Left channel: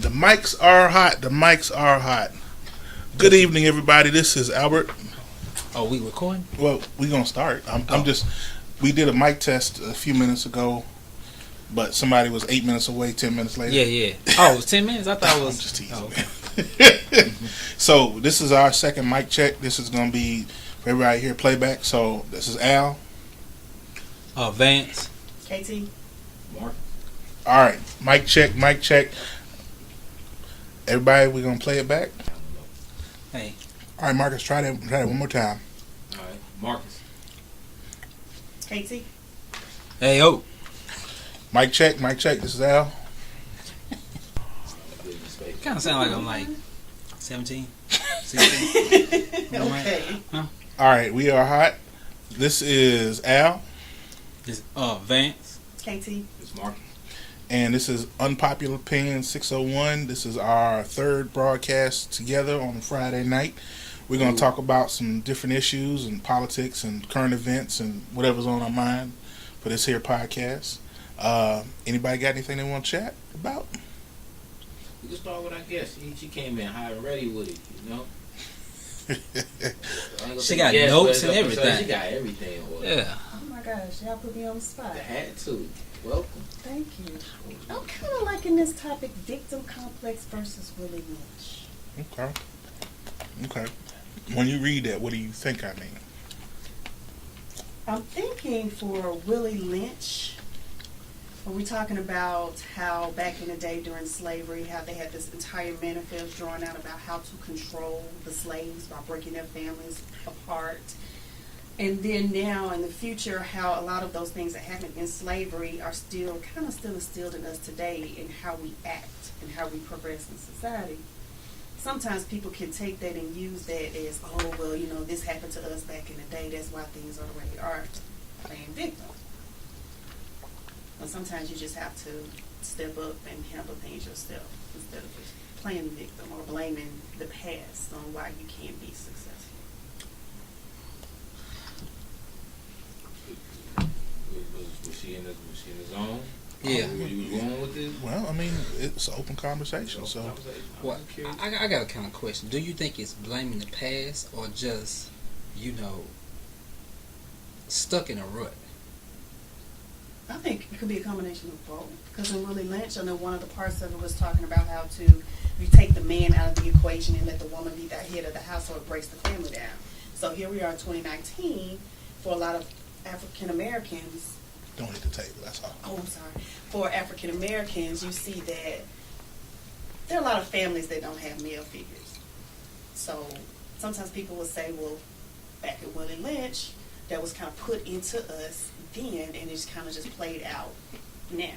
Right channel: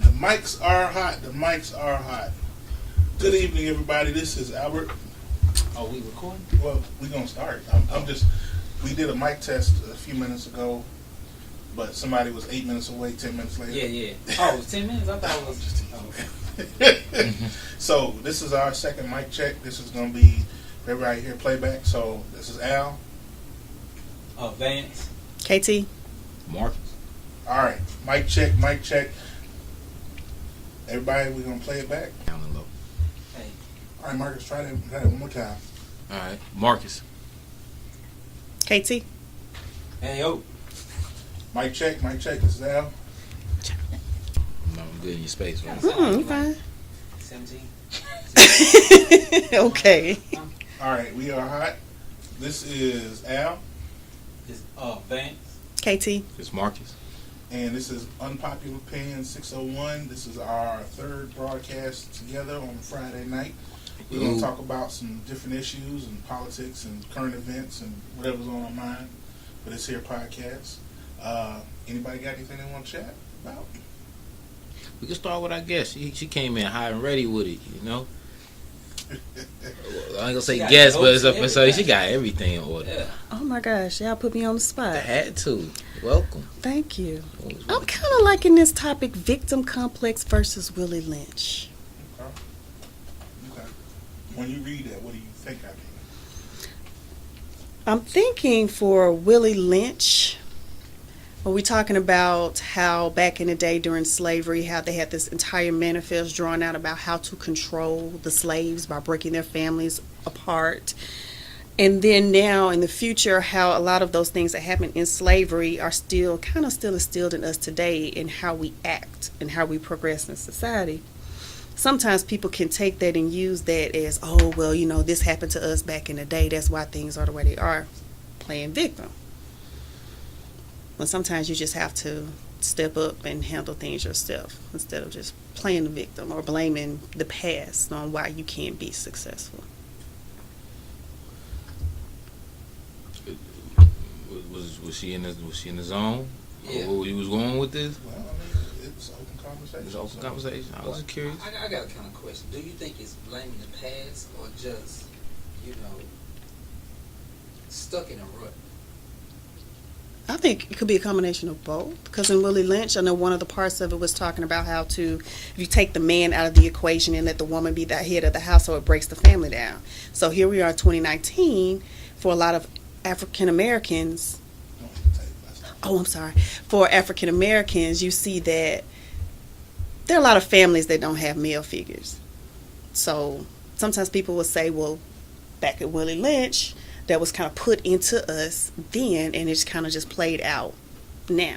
The mics are hot. The mics are hot. Good evening, everybody. This is Albert. Oh, we recording? Well, we're going to start. I'm just... We did a mic test a few minutes ago, but somebody was 8 minutes away, 10 minutes later. Yeah. Oh, it was 10 minutes? I thought it was... just teasing. Oh, okay. So, this is our second mic check. This is going to be, for everybody here, playback. So, this is Al. Vance. KT. Mark. All right. Mic check, mic check. Everybody, we're going to play it back. Hey. All right, Marcus, try that one more time. All right. Marcus. KT. Hey, yo. Mic check, mic check. This is Al. I'm good in your space. Kind Kind of of sound like I'm okay. like 17. Okay. Huh? All right, we are hot. This is Al. This Vance. KT. This Marcus. And this is Unpopular Opinion 601. This is our third broadcast together on a Friday night. We're going to talk about some different issues and politics and current events and whatever's on our mind for this here podcast. Anybody got anything they want to chat about? We can start with our guest. She came in hot and ready with it, you know. I ain't gonna say got guest, jokes but and so she everything. got everything in order. Yeah. Oh my gosh, y'all put me on the spot. I had to. Welcome. Thank you. I'm kind of liking this topic, victim complex versus Willie Lynch. Okay. When you read that, what do you think I mean? I'm thinking for Willie Lynch, when we're talking about how back in the day during slavery, how they had this entire manifest drawn out about how to control the slaves by breaking their families apart. And then now in the future, how a lot of those things that happened in slavery are still instilled in us today in how we act and how we progress in society. Sometimes people can take that and use that as, oh, well, you know, this happened to us back in the day. That's why things are the way they are, playing victim. When sometimes you just have to step up and handle things yourself instead of just playing the victim or blaming the past on why you can't be successful. Was she in the zone? Yeah. Where you was going with this? Well, I mean, it's an open conversation. It's an open so- conversation. I was curious. I got a kind of question. Do you think it's blaming the past or just, stuck in a rut? I think it could be a combination of both. Because in Willie Lynch, I know one of the parts of it was talking about how if you take the man out of the equation and let the woman be the head of the household, it breaks the family down. So here we are in 2019, for a lot of African Americans. Don't hit the table, that's all. Oh, I'm sorry. For African Americans, you see that there are a lot of families that don't have male figures. So sometimes people will say, well, back at Willie Lynch, that was kind of put into us then, and it's kind of just played out now.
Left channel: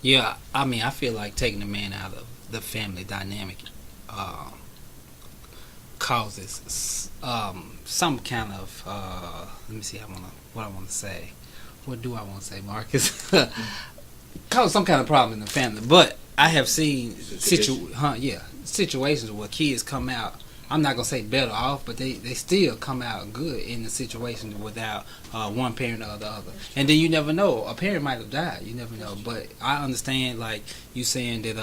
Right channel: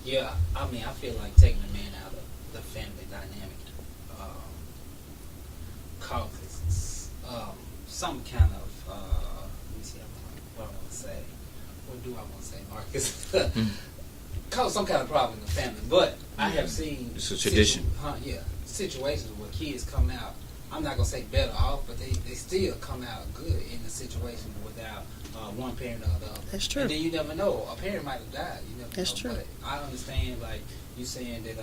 Yeah, I mean, I feel like taking the man out of the family dynamic causes some kind of, let me see, what I want to say. What do I want to say, Marcus? Cause some kind of problem in the family. But I have seen situations where kids come out, I'm not going to say better off, but they still come out good in the situation without one parent or the other. That's true. And then you never know. A parent might have died. You never That's know. true. But I understand, like, you saying that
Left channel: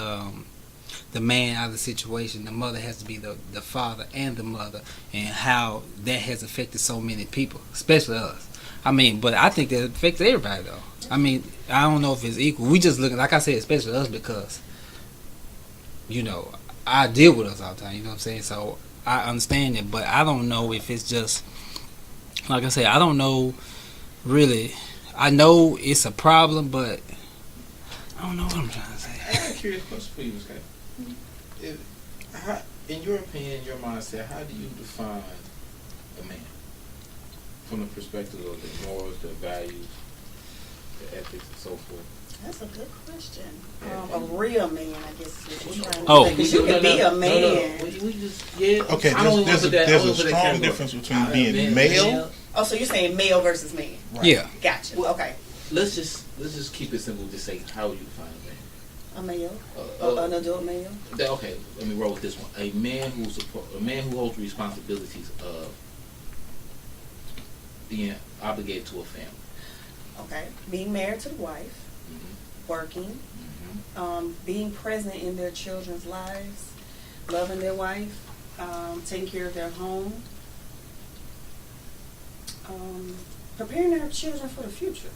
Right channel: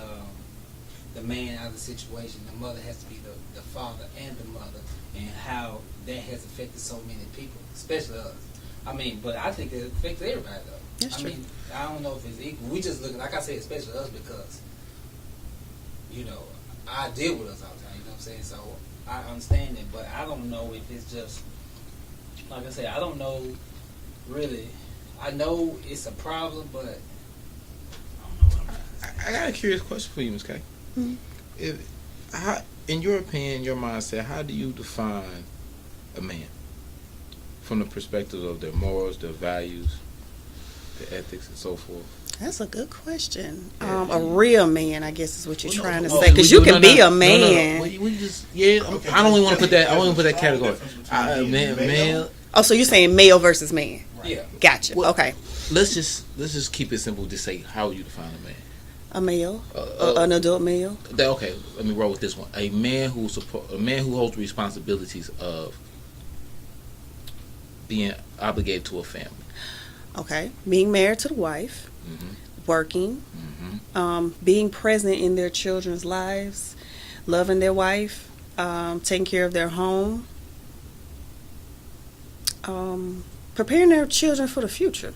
the man out of the situation, the mother has to be the father and the mother, and how that has affected so many people, especially us. I mean, but I think that affects everybody, though. That's I mean, I don't know if it's equal. We just looking, like I said, especially us because, I deal with us all the time, you know what I'm saying? So I understand it, but I don't know if it's just, like I said, I don't know really. I know it's a problem, but I don't know what I'm trying to say. I got a curious question for you, Ms. K. Mm-hmm. In your opinion, your mindset, how do you define a man? From the perspective of their morals, their values, their ethics, and so forth. That's a good question. A real man, I guess, is what you're trying to Oh, say. Because you can be a man. We just, okay. I don't even want to put that. I don't want to put that category. Difference between being male. Oh, so you're saying male versus man? Right. Yeah. Gotcha. Well, Okay. Let's just keep it simple. Just say how you define a man. A male, an adult male. Okay, let me roll with this one. A man who holds the responsibilities of being obligated to a family. Okay, being married to the wife, working, Mm-hmm. being present in their children's lives, loving their wife, taking care of their home, preparing their children for the future.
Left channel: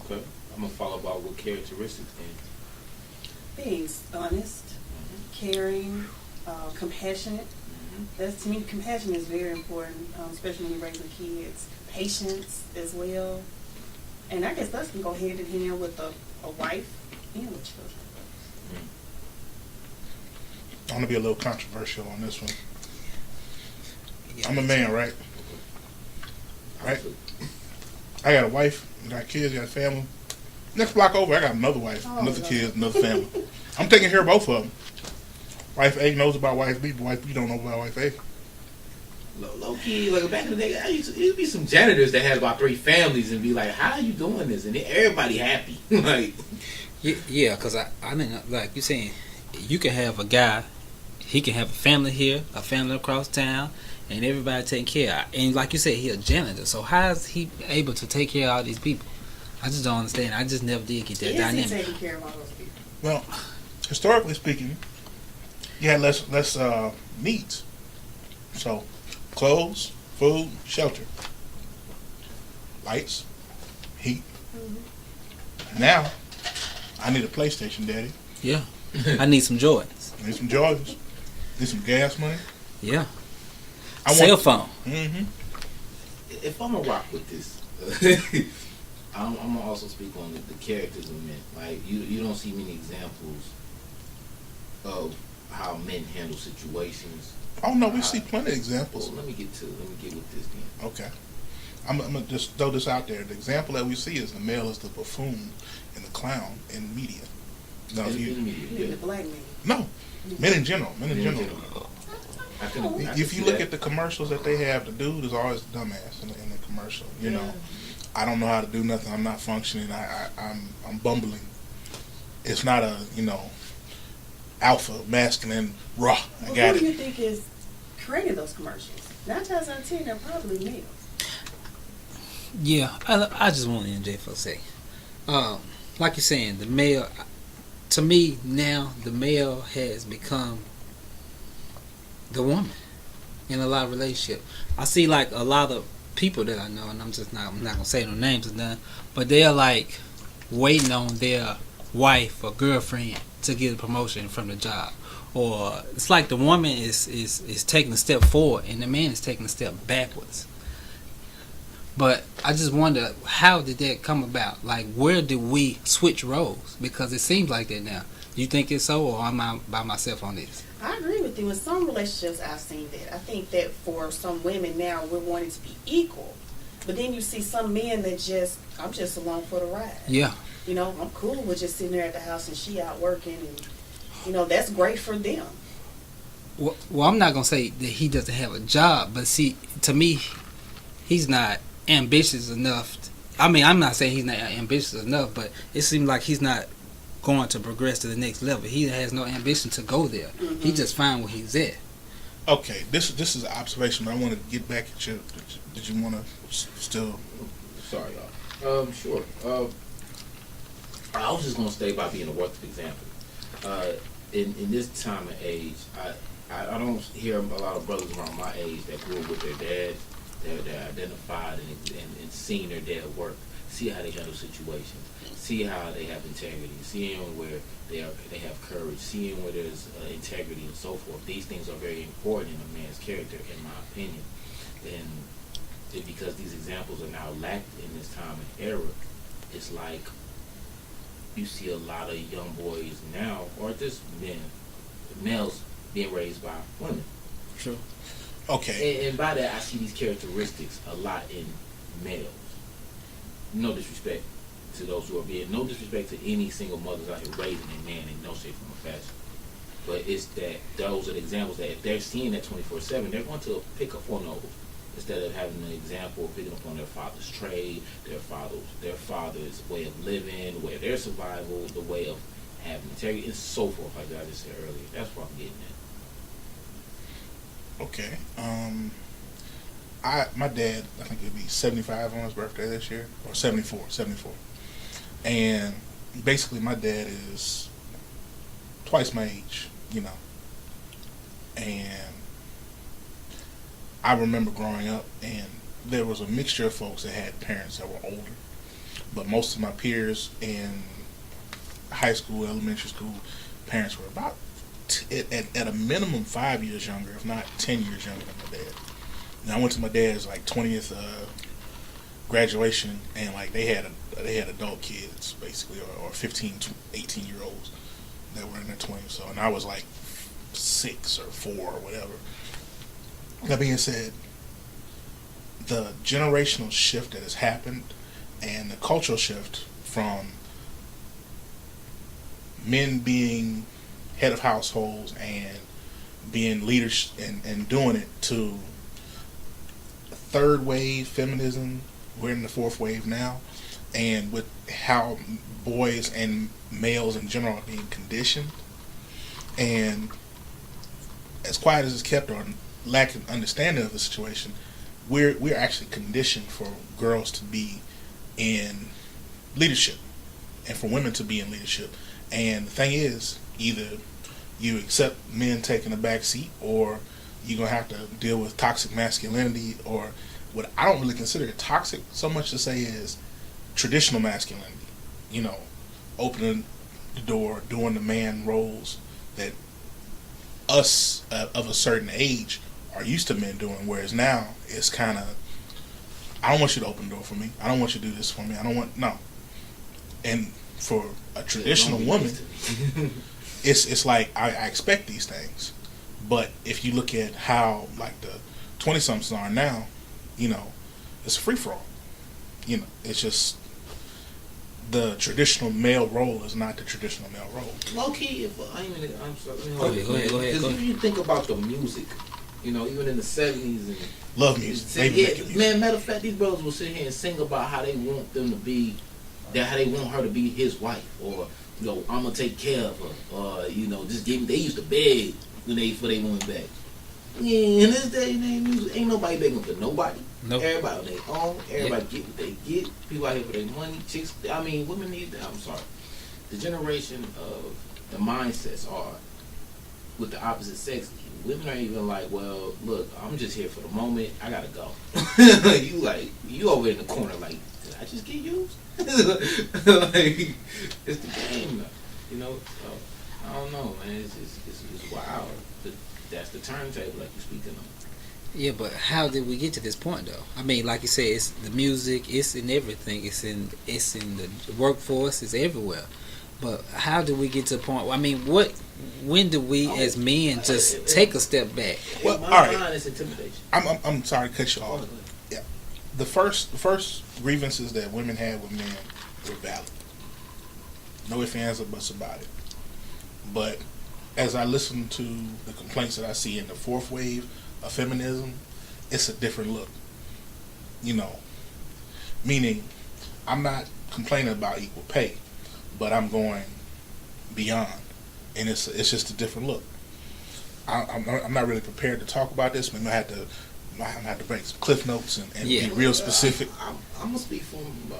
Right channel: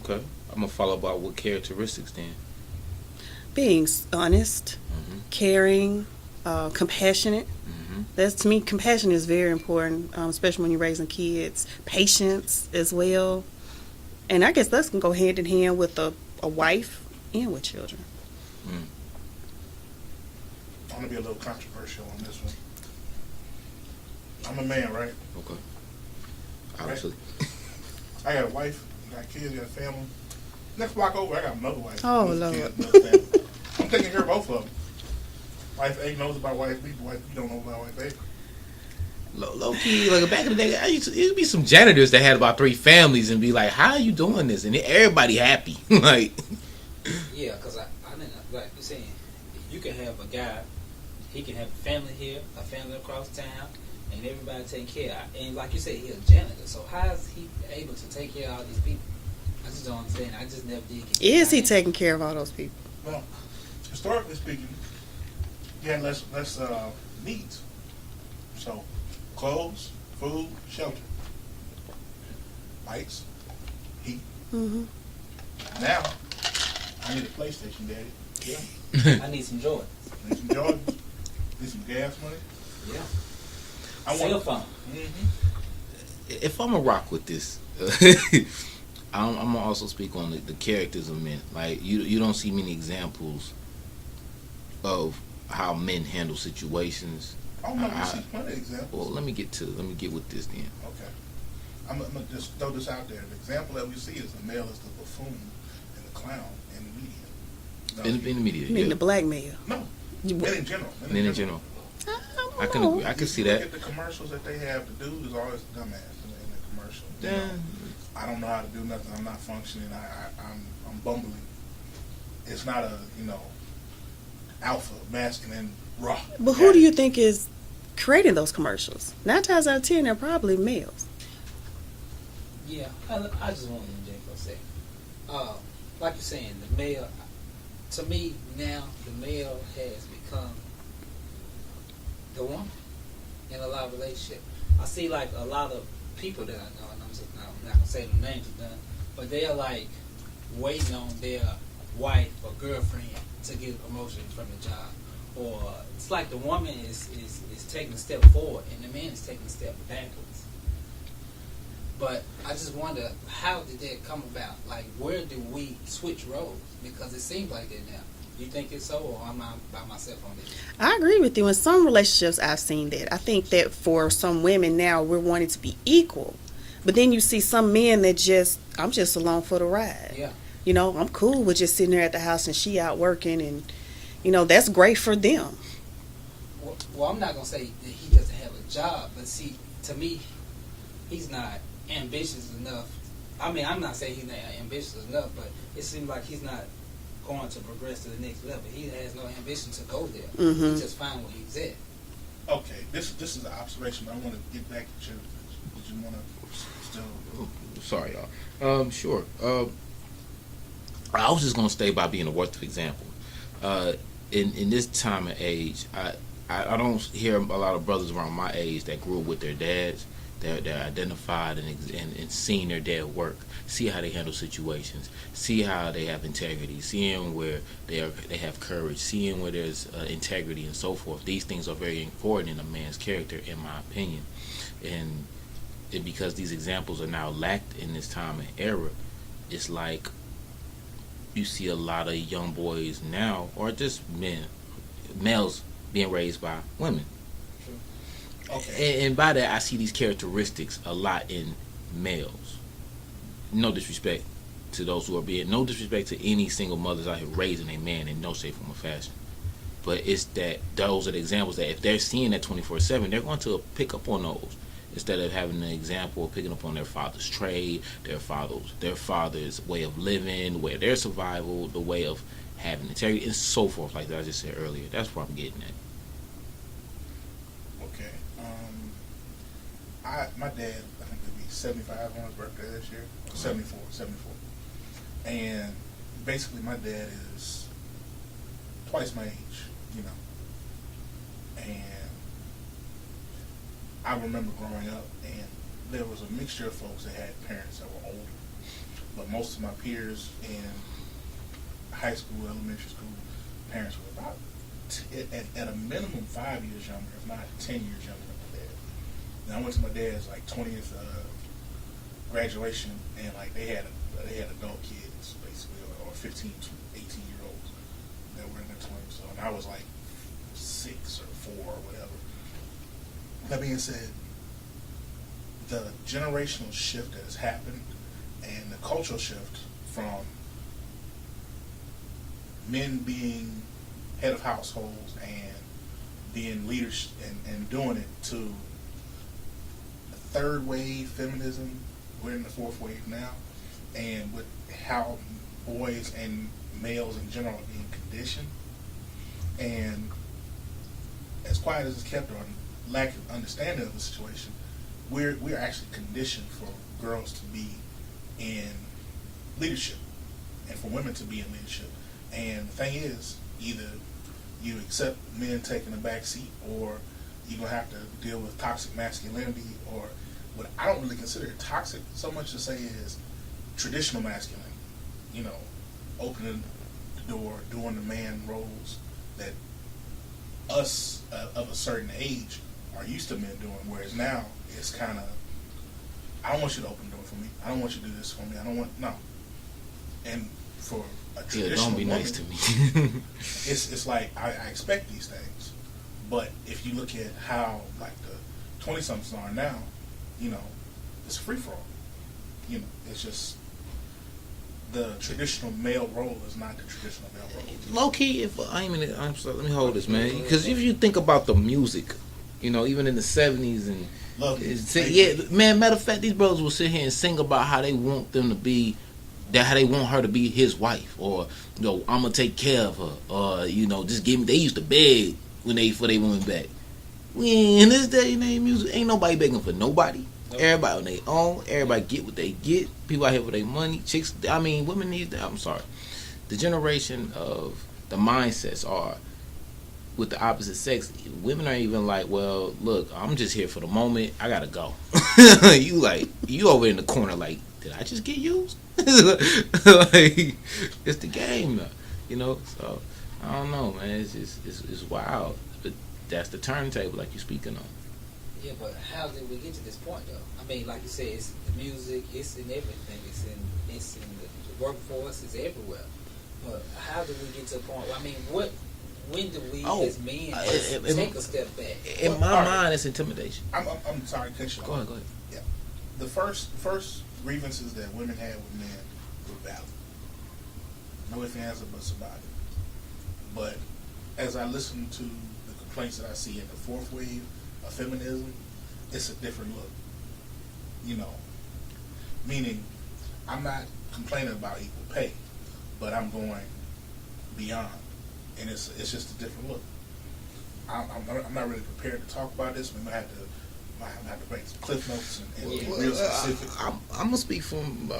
Okay. I'm gonna follow up about what characteristics then. Being honest, Mm-hmm. caring, compassionate. Mm-hmm. That's, to me, compassion is very important, especially when you're raising kids. Patience as well. And I guess that can go hand in hand with a wife and with children. Mm. I'm gonna be a little controversial on this one. I'm a man, right? Okay. Right. Obviously. I got a wife, got kids, got a family. Next block over, I got another wife, Oh, another Lord. kid, another family. I'm taking care of both of them. Wife A knows about wife B, but wife B don't know about wife A. Low key, like back in the day, it'd be some janitors that had about 3 families and be like, "How are you doing this?" And everybody happy. Like, Yeah, because I mean, like you saying, you can have a guy, he can have a family here, a family across town, and everybody taking care of. And like you said, he a janitor. So how is he able to take care of all these people? I just don't understand. I just never did get that. Is he dynamic. taking care of all those people? Well, historically speaking, you had less needs. So, clothes, food, shelter, lights, heat. Mm-hmm. Now, I need a PlayStation, Daddy. Yeah. I need some Jordans. I need some Jordans. Need some gas money. Yeah. I Cell phone. Mm-hmm. if I'm gonna rock with this, I'm gonna also speak on the characters of men. Like you don't see many examples of how men handle situations. Oh no, we see plenty of examples. Well, let me get with this then. Okay. I'm gonna just throw this out there. The example that we see is the male is the buffoon and the clown in media. No, In media, You mean yeah. the black male? no, men in general. Men in general. I can agree. I can If see you look that. at the commercials that they have, the dude is always the dumbass in the commercial. You Yeah. know, I don't know how to do nothing. I'm not functioning. I'm bumbling. It's not a alpha masculine raw. But Got who do it. you think is creating those commercials? 9 times out of 10, they're probably males. Yeah, I just want to interject for a second. Like you're saying, the male, to me now, the male has become the woman in a lot of relationships. I see like a lot of people that I know, and I'm not gonna say no names or nothing, but they're like waiting on their wife or girlfriend to get a promotion from the job, or it's like the woman is taking a step forward and the man is taking a step backwards. But I just wonder, how did that come about? Like, where did we switch roles? Because it seems like that now. You think it's so, or am I by myself on this? I agree with you. In some relationships, I've seen that. I think that for some women now, we're wanting to be equal. But then you see some men that I'm just along for the ride. Yeah. I'm cool with just sitting there at the house and she out working, and, that's great for them. Well, I'm not going to say that he doesn't have a job, but see, to me, he's not ambitious enough. I'm not saying he's not ambitious enough, but it seems like he's not going to progress to the next level. He has no ambition to go there. Mm-hmm. He's just fine where he's at. Okay, this is an observation, but I want to get back at you. Did you want to still? Sorry, y'all. Sure. I was just gonna stay by being a worth example. In this time and age, I don't hear a lot of brothers around my age that grew up with their dads. They're identified and seeing their dad work, see how they handle situations, see how they have integrity, seeing where they have courage, seeing where there's integrity and so forth. These things are very important in a man's character, in my opinion, and because these examples are now lacked in this time and era, it's like you see a lot of young boys now, or just males being raised by women. True. Okay. And by that, I see these characteristics a lot in males. No disrespect to those who are no disrespect to any single mothers out here raising a man in no shape, form, or fashion. But it's that those are the examples that if they're seeing that 24/7, they're going to pick up on those instead of having an example of picking up on their father's trade, their father's way of living, the way of their survival, the way of having integrity, and so forth. Like I just said earlier, that's what I'm getting at. Okay. My dad, I think it'd be 75 on his birthday this year, or 74. And basically my dad is twice my age, you know, and I remember growing up, and there was a mixture of folks that had parents that were older, but most of my peers in high school, elementary school, parents were about at a minimum 5 years younger, if not 10 years younger than my dad. And I went to my dad's like 20th graduation, and like they had adult kids basically, or 15 to 18-year-olds that were in their 20s. So, and I was like 6 or 4 or whatever. That being said, the generational shift that has happened and the cultural shift from men being head of households and being leaders and doing it to third wave feminism. We're in the fourth wave now, and with how boys and males in general are being conditioned, and as quiet as it's kept or lack of understanding of the situation, we're actually conditioned for girls to be in leadership and for women to be in leadership. And the thing is, either you accept men taking a back seat, or you're gonna have to deal with toxic masculinity, or what I don't really consider it toxic so much to say is traditional masculinity. You know, opening the door, doing the man roles that us of a certain age are used to men doing, whereas now it's kind of, I don't want you to open the door for me. I don't want you to do this for me. I don't want, no. And for a traditional woman, nice to me. it's like I expect these things. But if you look at how like the 20-somethings are now, you know, it's a free for all. You know, it's just the traditional male role is not the traditional male role. Low key, if I'm sorry, let me hold this, man. Because if you think about the music, you know, even in the 70s and love music, yeah, man. Matter of fact, these brothers will sit here and sing about how they want them to be, how they want her to be his wife, or you know, I'm gonna take care of her, or you know, just give me. They used to beg for they women back. Yeah, in this day and age, music ain't nobody begging for nobody. Nope. Everybody on their own. Everybody get what they get. People out here for their money. Chicks, I mean, women need that. I'm sorry. The generation of the mindsets are with the opposite sex. Women are even like, well, look, I'm just here for the moment. I gotta go. you over in the corner like, did I just get used? Like, it's the game, though. You know. So I don't know, man. It's just it's wild. But that's the turntable, like you're speaking on. Yeah, but how did we get to this point, though? I mean, like you said, it's the music, it's in everything, it's in the workforce, it's everywhere. But how did we get to a point? I mean, when do we as men just take a step back? In my mind, it's intimidation. I'm sorry to cut you off. Go ahead. Yeah, the first grievances that women had with men were valid. No ifs, ands, or buts about it. But as I listen to the complaints that I see in the fourth wave of feminism, it's a different look. You know, meaning I'm not complaining about equal pay, but I'm going beyond, and it's just a different look. I'm not really prepared to talk about this. Maybe I have to break some cliff notes and be real specific. I'm gonna speak from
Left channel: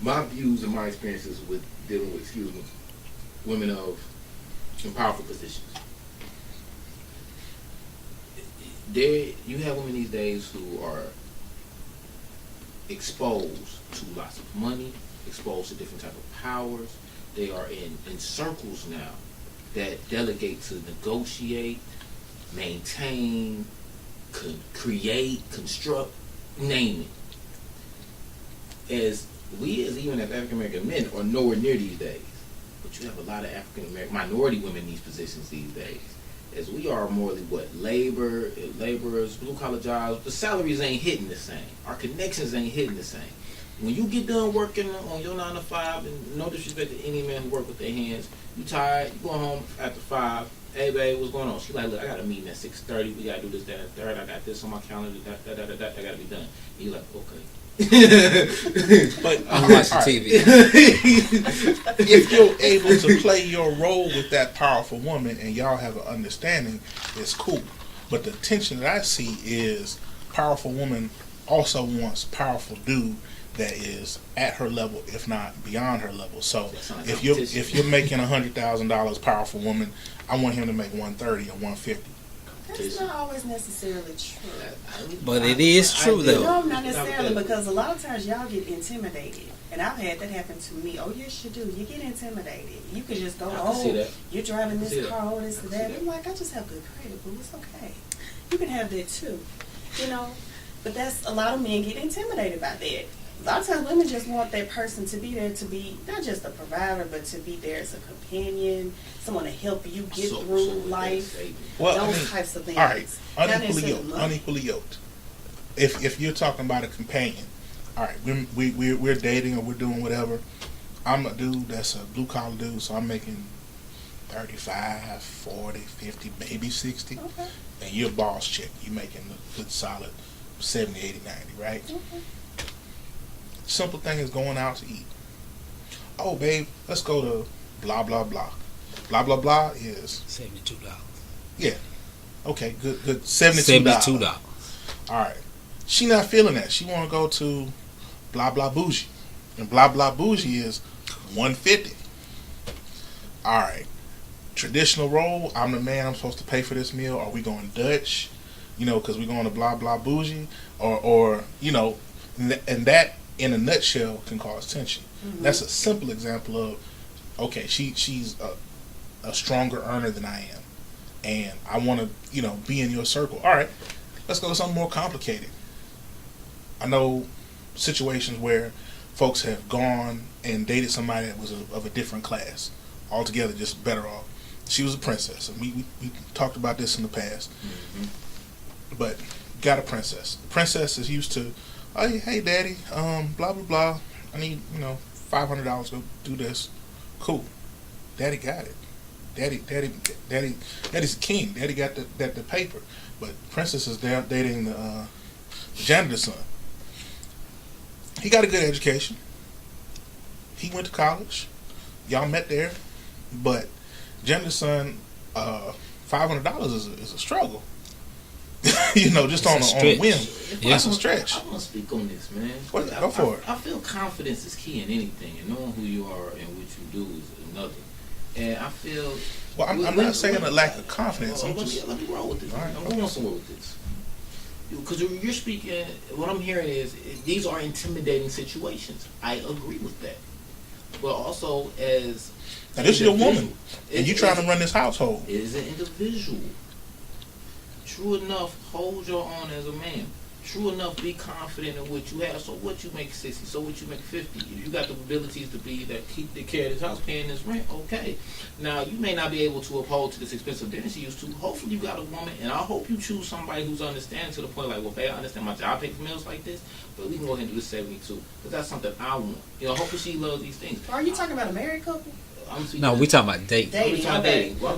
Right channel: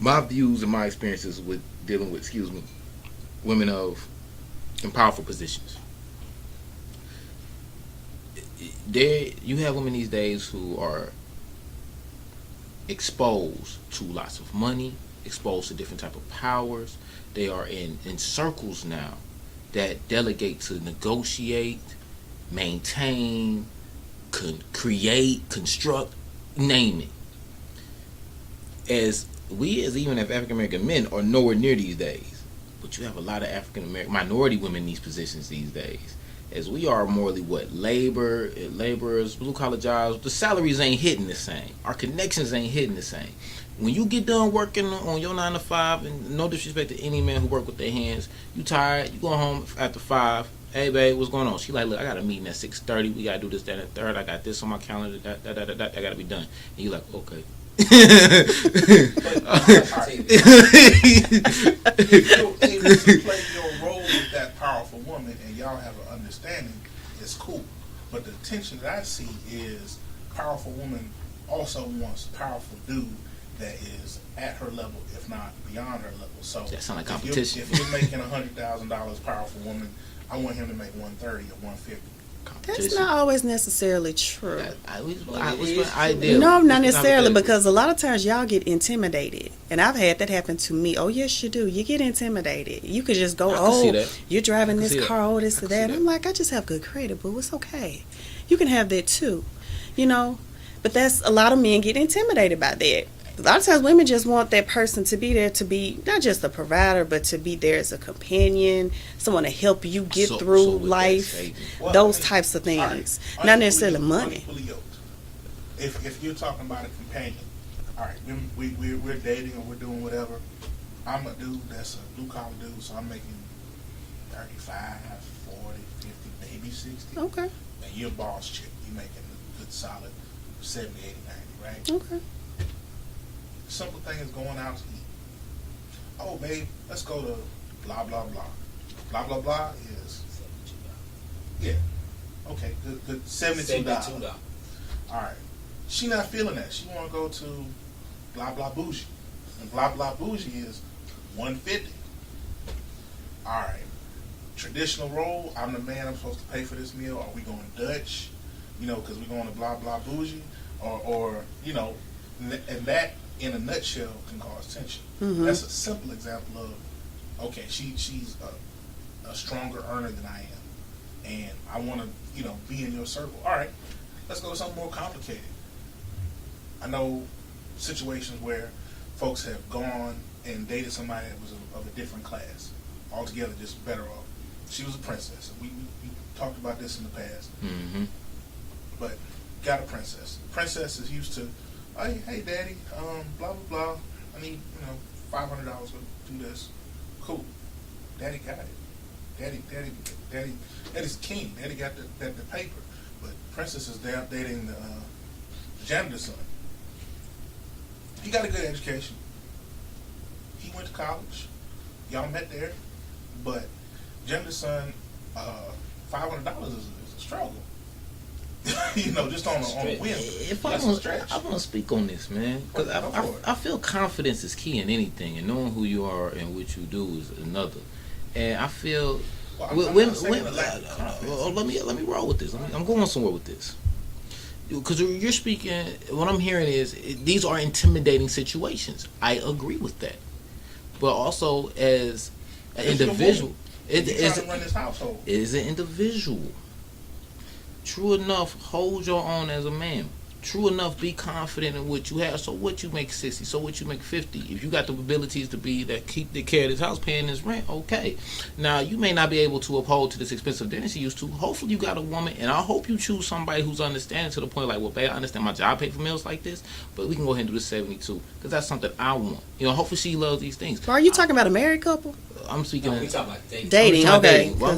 my views and my experiences with dealing with women in powerful positions. You have women these days who are exposed to lots of money, exposed to different type of powers. They are in circles now that delegate to negotiate, maintain, create, construct, name it. As African American men are nowhere near these days, but you have a lot of African American minority women in these positions these days. As we are morally laborers, blue collar jobs, the salaries ain't hitting the same. Our connections ain't hitting the same. When you get done working on your 9 to 5, and no disrespect to any man who work with their hands, you tired, you go home after 5. Hey babe, what's going on? She like, look, I got a meeting at 6:30. We gotta do this, that, and third. I got this on my calendar. That gotta be done. And you like, okay. But I'm watching TV. If you're able to play your role with that powerful woman and y'all have an understanding, it's cool. But the tension that I see is powerful woman also wants powerful dude that is at her level, if not beyond her level. So That sound like if you're making $100,000, powerful woman, I want him to make 130 or 150. That's not always necessarily true. But it is true, though. No, not necessarily, because a lot of times y'all get intimidated. And I've had that happen to me. Oh, yes, you do. You get intimidated. You could just go, you're driving this car, oh, this or that. I'm like, I just have good credit, but it's okay. You can have that too, you know. But that's, a lot of men get intimidated by that. A lot of times women just want that person to be there, to be not just a provider, but to be there as a companion, someone to help you get through life, those types of things. Right. Not necessarily money. Unequally yoked. If you're talking about a companion, all right, we're dating or we're doing whatever. I'm a dude that's a blue collar dude, so I'm making 35, 40, 50, maybe 60. Okay. And you're a boss chick. You're making a good solid 70, 80, 90, right? Okay. Simple thing is going out to eat. Oh, babe, let's go to blah, blah, blah. Blah, blah, blah is... $72. Yeah. Okay, good. $72. All right. She not feeling that. She want to go to blah, blah, bougie. And blah, blah, bougie is $150. All right. Traditional role, I'm the man, I'm supposed to pay for this meal. Are we going Dutch? You know, because we're going to blah, blah, bougie. Or you know, and that, in a nutshell, can cause tension. Mm-hmm. That's a simple example of, okay, she's a stronger earner than I am, and I want to, you know, be in your circle. All right, let's go to something more complicated. I know situations where folks have gone and dated somebody that was of a different class, altogether just better off. She was a princess, and we talked about this in the past. Mm-hmm. But got a princess. Princess is used to, oh, hey, daddy, blah, blah, blah. I need, you know, $500 to go do this. Cool. Daddy got it. Daddy's the king. Daddy got the paper. But princess is dating the janitor's son. He got a good education. He went to college. Y'all met there. But janitor's son, $500 is a struggle. You know, just on a whim. It's a stretch. I want to speak on this, man. Go for it. I feel confidence is key in anything, and knowing who you are and what you do is another. And I feel. Well, I'm not saying a lack of confidence. Let me roll with this. I'm going somewhere with this. Because you're speaking, what I'm hearing is these are intimidating situations. I agree with that. But also as an individual, you're trying to run this household. As an individual. True enough, hold your own as a man. True enough, be confident in what you have. So what you make 60, so what you make 50. If you got the abilities to be that, keep the care of this house, paying this rent, okay. Now you may not be able to uphold to this expensive dinner you used to. Hopefully you got a woman, and I hope you choose somebody who's understanding to the point like, well, babe, I understand my job pay for meals like this, but we can go ahead and do this 72 because that's something I want. You know, hopefully she loves these things. So are you talking about a married couple? I'm speaking. No, we talking about dating. Dating, okay. Well,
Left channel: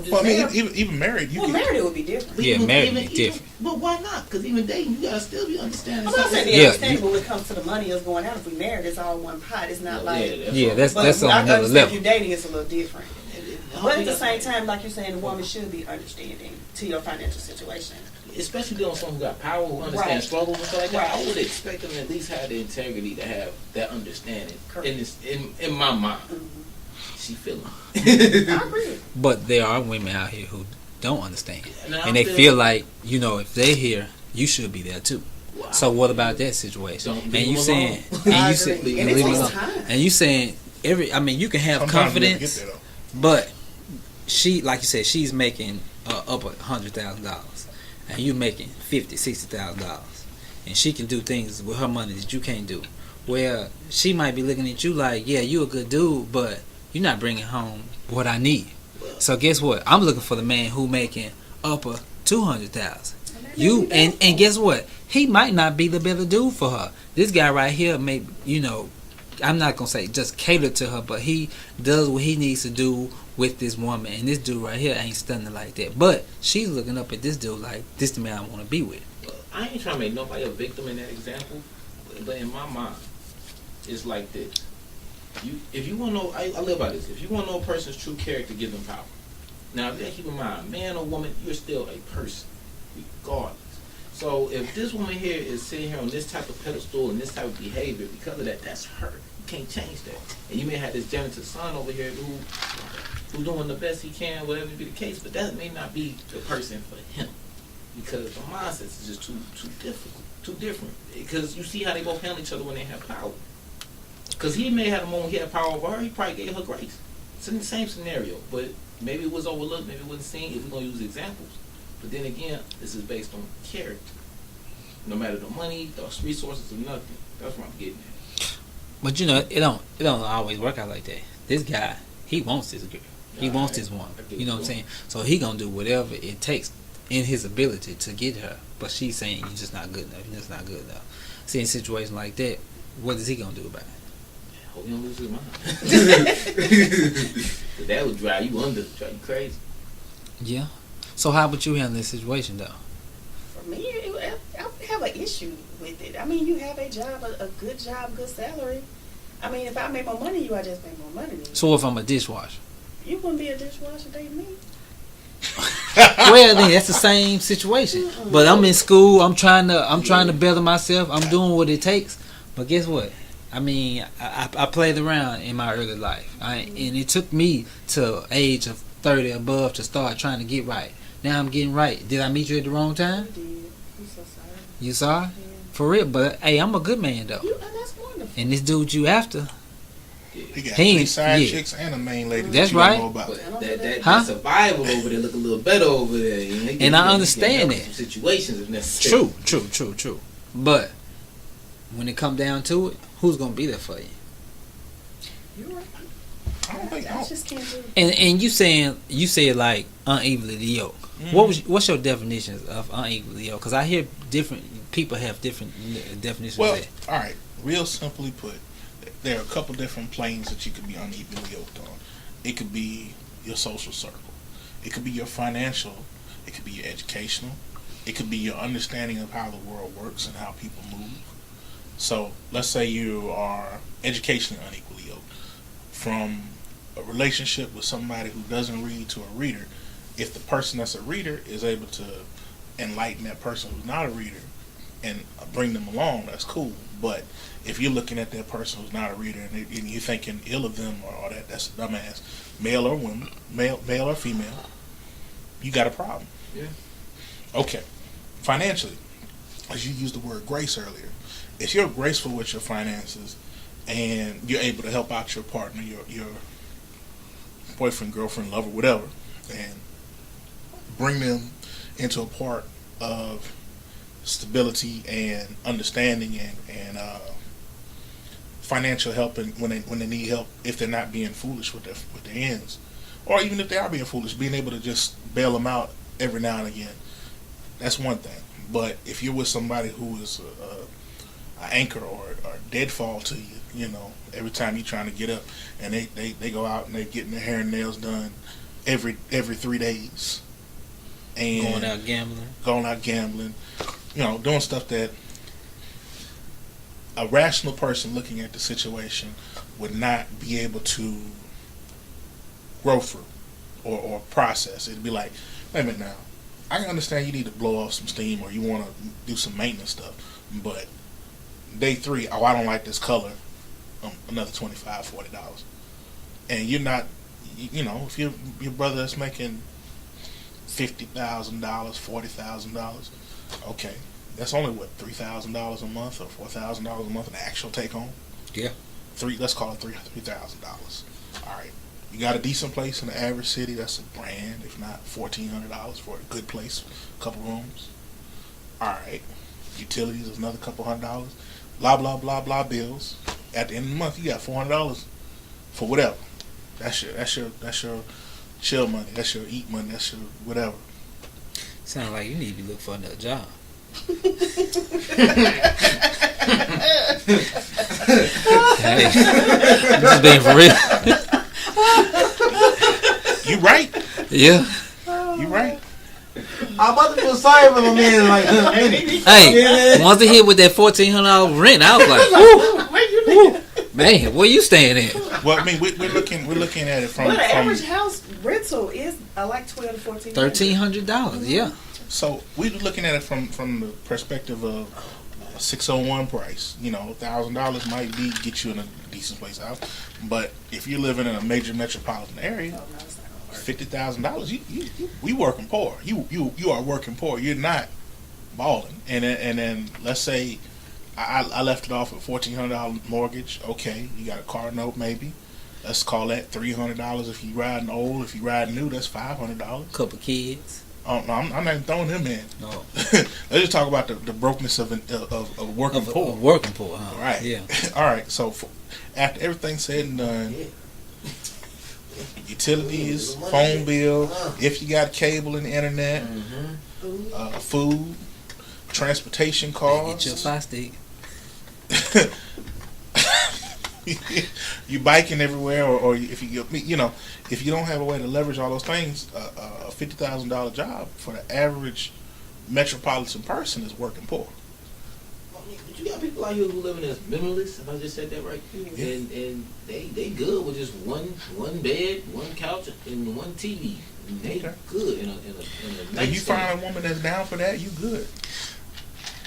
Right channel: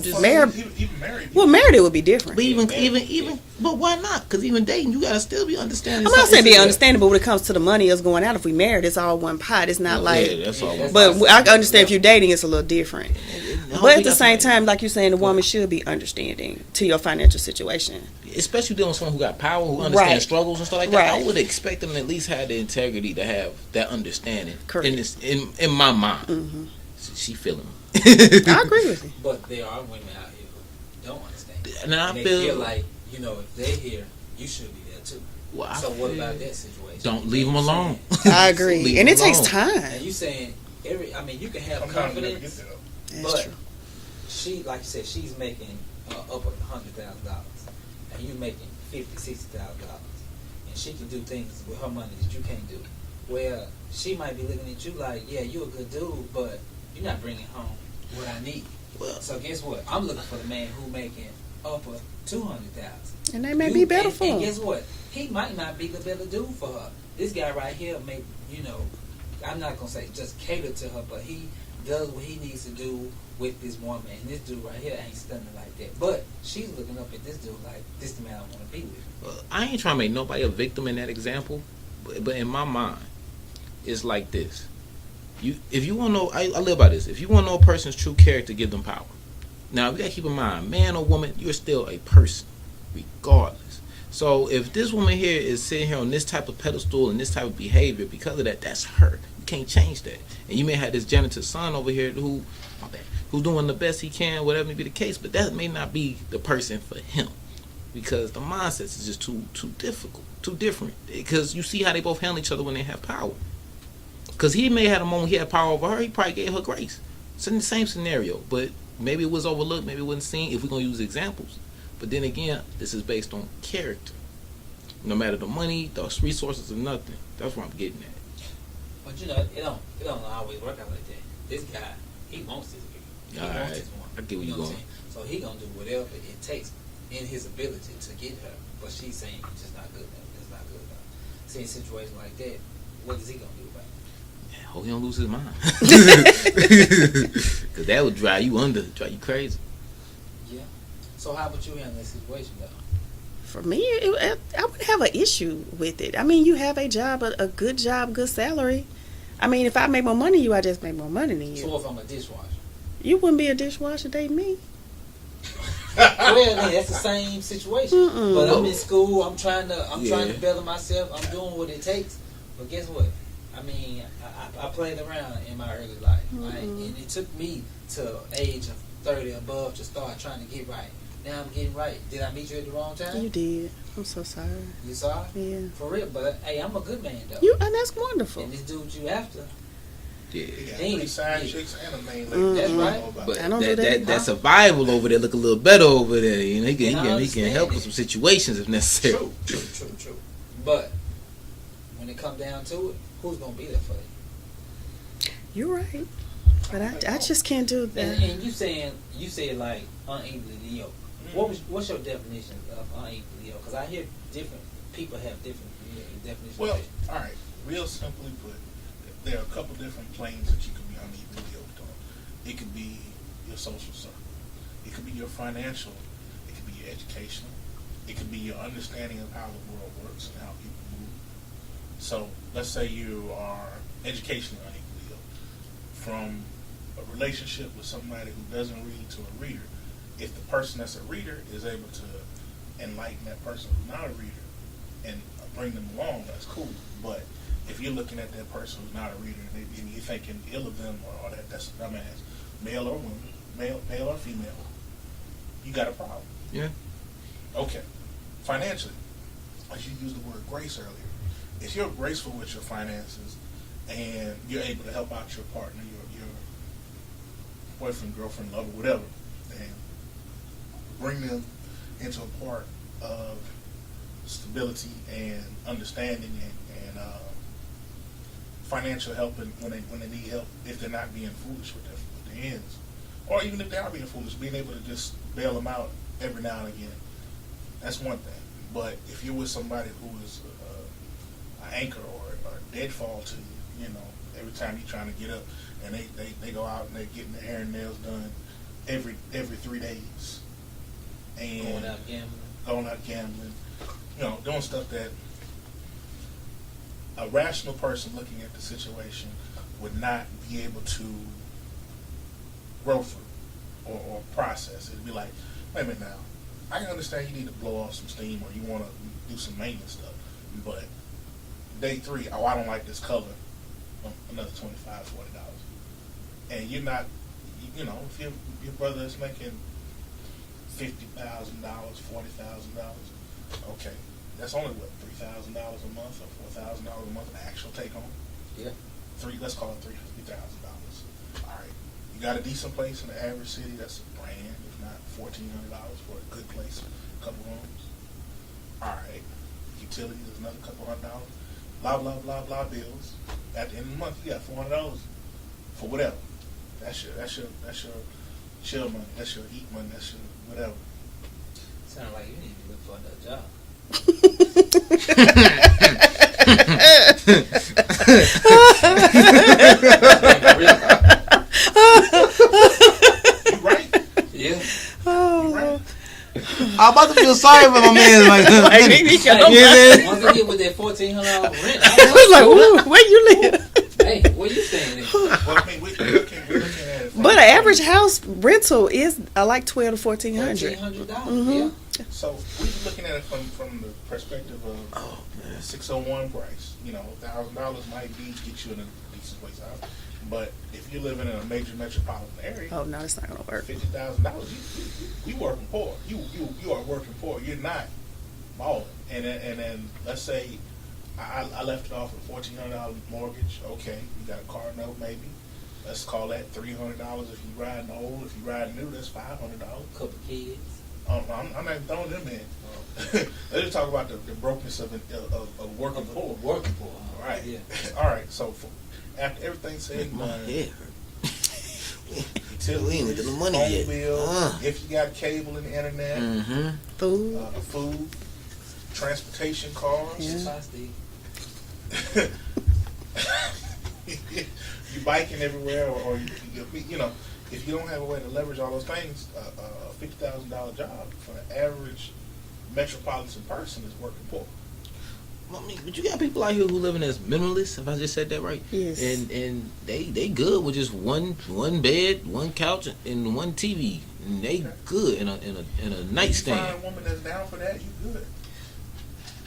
even married. Well, married it would be different. But different. But why not? Because even dating, you gotta still be understanding. I'm not saying be understanding, but when it comes to the money us going out, if we married, it's all one pot. It's not like. But I understand if you're dating, it's a little different. But at the same time, like you're saying, the woman should be understanding to your financial situation. Especially dealing with someone who got power, who understands struggles and stuff like that. Right. I would expect them to at least have the integrity to have that understanding. Correct. In my mind. Mm-hmm. She feeling. I agree with you. But there are women out here who don't understand. And they feel like, you know, if they're here, you should be there too. Well, so what about that situation? Don't leave them alone. I agree. And it takes time. And you saying you can have confidence, but she, like you said, she's making up $100,000, and you making $50,000-$60,000, and she can do things with her money that you can't do. Well, she might be looking at you like, yeah, you a good dude, but you're not bringing home what I need. So guess what? I'm looking for the man who making upper $200,000. And they may be better and guess what? He might not be the better dude for her. This guy right here may, you know, I'm not gonna say just cater to her, but he does what he needs to do with this woman, and this dude right here ain't stunning like that. But she's looking up at this dude like, this the man I want to be with. Well, I ain't trying to make nobody a victim in that example, but in my mind, it's like this. If you want to know, I live by this. If you want to know a person's true character, give them power. Now, you got to keep in mind, man or woman, you're still a person, regardless. So if this woman here is sitting here on this type of pedestal and this type of behavior, because of that, that's her. You can't change that. And you may have this janitor's son over here who doing the best he can, whatever may be the case, but that may not be the person for him, because the mindset is just too difficult, too different. Because you see how they both handle each other when they have power. Because he may have a moment he had power over her, he probably gave her grace. It's in the same scenario, but maybe it was overlooked, maybe it wasn't seen, if we're going to use examples. But then again, this is based on character. No matter the money, the resources, or nothing. That's what I'm getting at. But you know, it don't always work out like that. This guy, he wants this girl. He wants this woman. You know what I'm saying? So he gonna do whatever it takes in his ability to get her. But she's saying you're just not good enough. You're just not good enough. See, in a situation like that, what is he gonna do about it? Yeah, hope he don't lose his mind. Cause that would drive you crazy. Yeah. So how would you handle this situation though? For me, I would have an issue with it. I mean, you have a job, a good job, good salary. I mean, if I make more money than you, I just make more money than you. So if I'm a dishwasher? You wouldn't be a dishwasher dating me. Well, then that's the same situation. Mm-mm. But I'm in school. I'm trying to better myself. I'm doing what it takes. But guess what? I mean, I played around in my early life, and it took me to age of 30 above to start trying to get right. Now I'm getting right. Did I meet you at the wrong time? You did. I'm so sorry. You saw? Yeah. For real. But hey, I'm a good man though. And that's wonderful. And this dude you after. Yeah. He got He 3 side yeah. chicks and a main lady. That's you don't right. know about. But I don't do that. that survival over there look a little better over there. You know, And I he understand can help that. with some situations if necessary. True. But when it come down to it, who's gonna be there for you? You're right. I don't But think I so. just can't do that. And you said like unevenly yoked. What's your definition of unevenly yoked? Because I hear different people have different definitions. Well, of that. all right. Real simply put, there are a couple different planes that you could be unevenly yoked on. It could be your social circle. It could be your financial. It could be your educational. It could be your understanding of how the world works and how people move. So let's say you are educationally unequally yoked. From a relationship with somebody who doesn't read to a reader, if the person that's a reader is able to enlighten that person who's not a reader and bring them along, that's cool. But if you're looking at that person who's not a reader and you're thinking ill of them or that's a dumbass, male or woman, male or female, you got a problem. Yeah. Okay. Financially, as you used the word grace earlier, if you're graceful with your finances and you're able to help out your partner, your boyfriend, girlfriend, lover, whatever, and bring them into a part of stability and understanding and financial help and when they need help, if they're not being foolish with their ends, or even if they are being foolish, being able to just bail them out every now and again, that's one thing. But if you're with somebody who is an anchor or deadfall to you, you know, every time you're trying to get up, and they go out and they're getting their hair and nails done every 3 days, and going out gambling, you know, doing stuff that a rational person looking at the situation would not be able to grow through or process. It'd be like, wait a minute now, I can understand you need to blow off some steam or you want to do some maintenance stuff, but day 3, oh, I don't like this color, another $25, $40. And you're not, you know, if your brother is making $50,000, $40,000, okay, that's only what, $3,000 a month or $4,000 a month, an actual take home. Yeah. Let's call it $3,000. All right, you got a decent place in the average city. That's a grand, if not $1,400 for a good place, a couple rooms. All right, utilities is another couple $100. Blah blah blah blah bills. At the end of the month, you got $400 for whatever. That's your chill money. That's your eat money. That's your whatever. Sounds like you need to look for another job. Just being for real. You right. Yeah. You right. I'm about to feel sorry for my man. Like, Hey, once they hit with that $1,400 rent, I was like, Where you live? Man, where you staying at? Well, I mean, we're looking at it from. But an average house rental is like $1,200 to $1,400. $1,300. Yeah. So we're looking at it from the perspective of 601 price. You know, $1,000 might get you in a decent place out. But if you're living in a major metropolitan area, Oh no, it's not gonna work. $50,000, we working poor. You are working poor. You're not balling. And then let's say I left it off at $1,400 mortgage. Okay, you got a car note maybe. Let's call that $300 if you riding old. If you riding new, that's $500. Couple kids. Oh, no, I'm not even throwing them in. No. Let's just talk about the brokenness of working poor. Working poor, huh? Right. Yeah. All right. So after everything's said and done, utilities, phone bill, if you got cable and the internet, Food. food, transportation costs. Just five stick. You biking everywhere, or if if you don't have a way to leverage all those things, a $50,000 job for the average metropolitan person is working poor. I mean, but you got people out here who living as minimalists, if I just said that right. Yes. And they good with just one bed, one couch, and one TV. And they good in a If you nightstand. find a woman that's down for that, you good.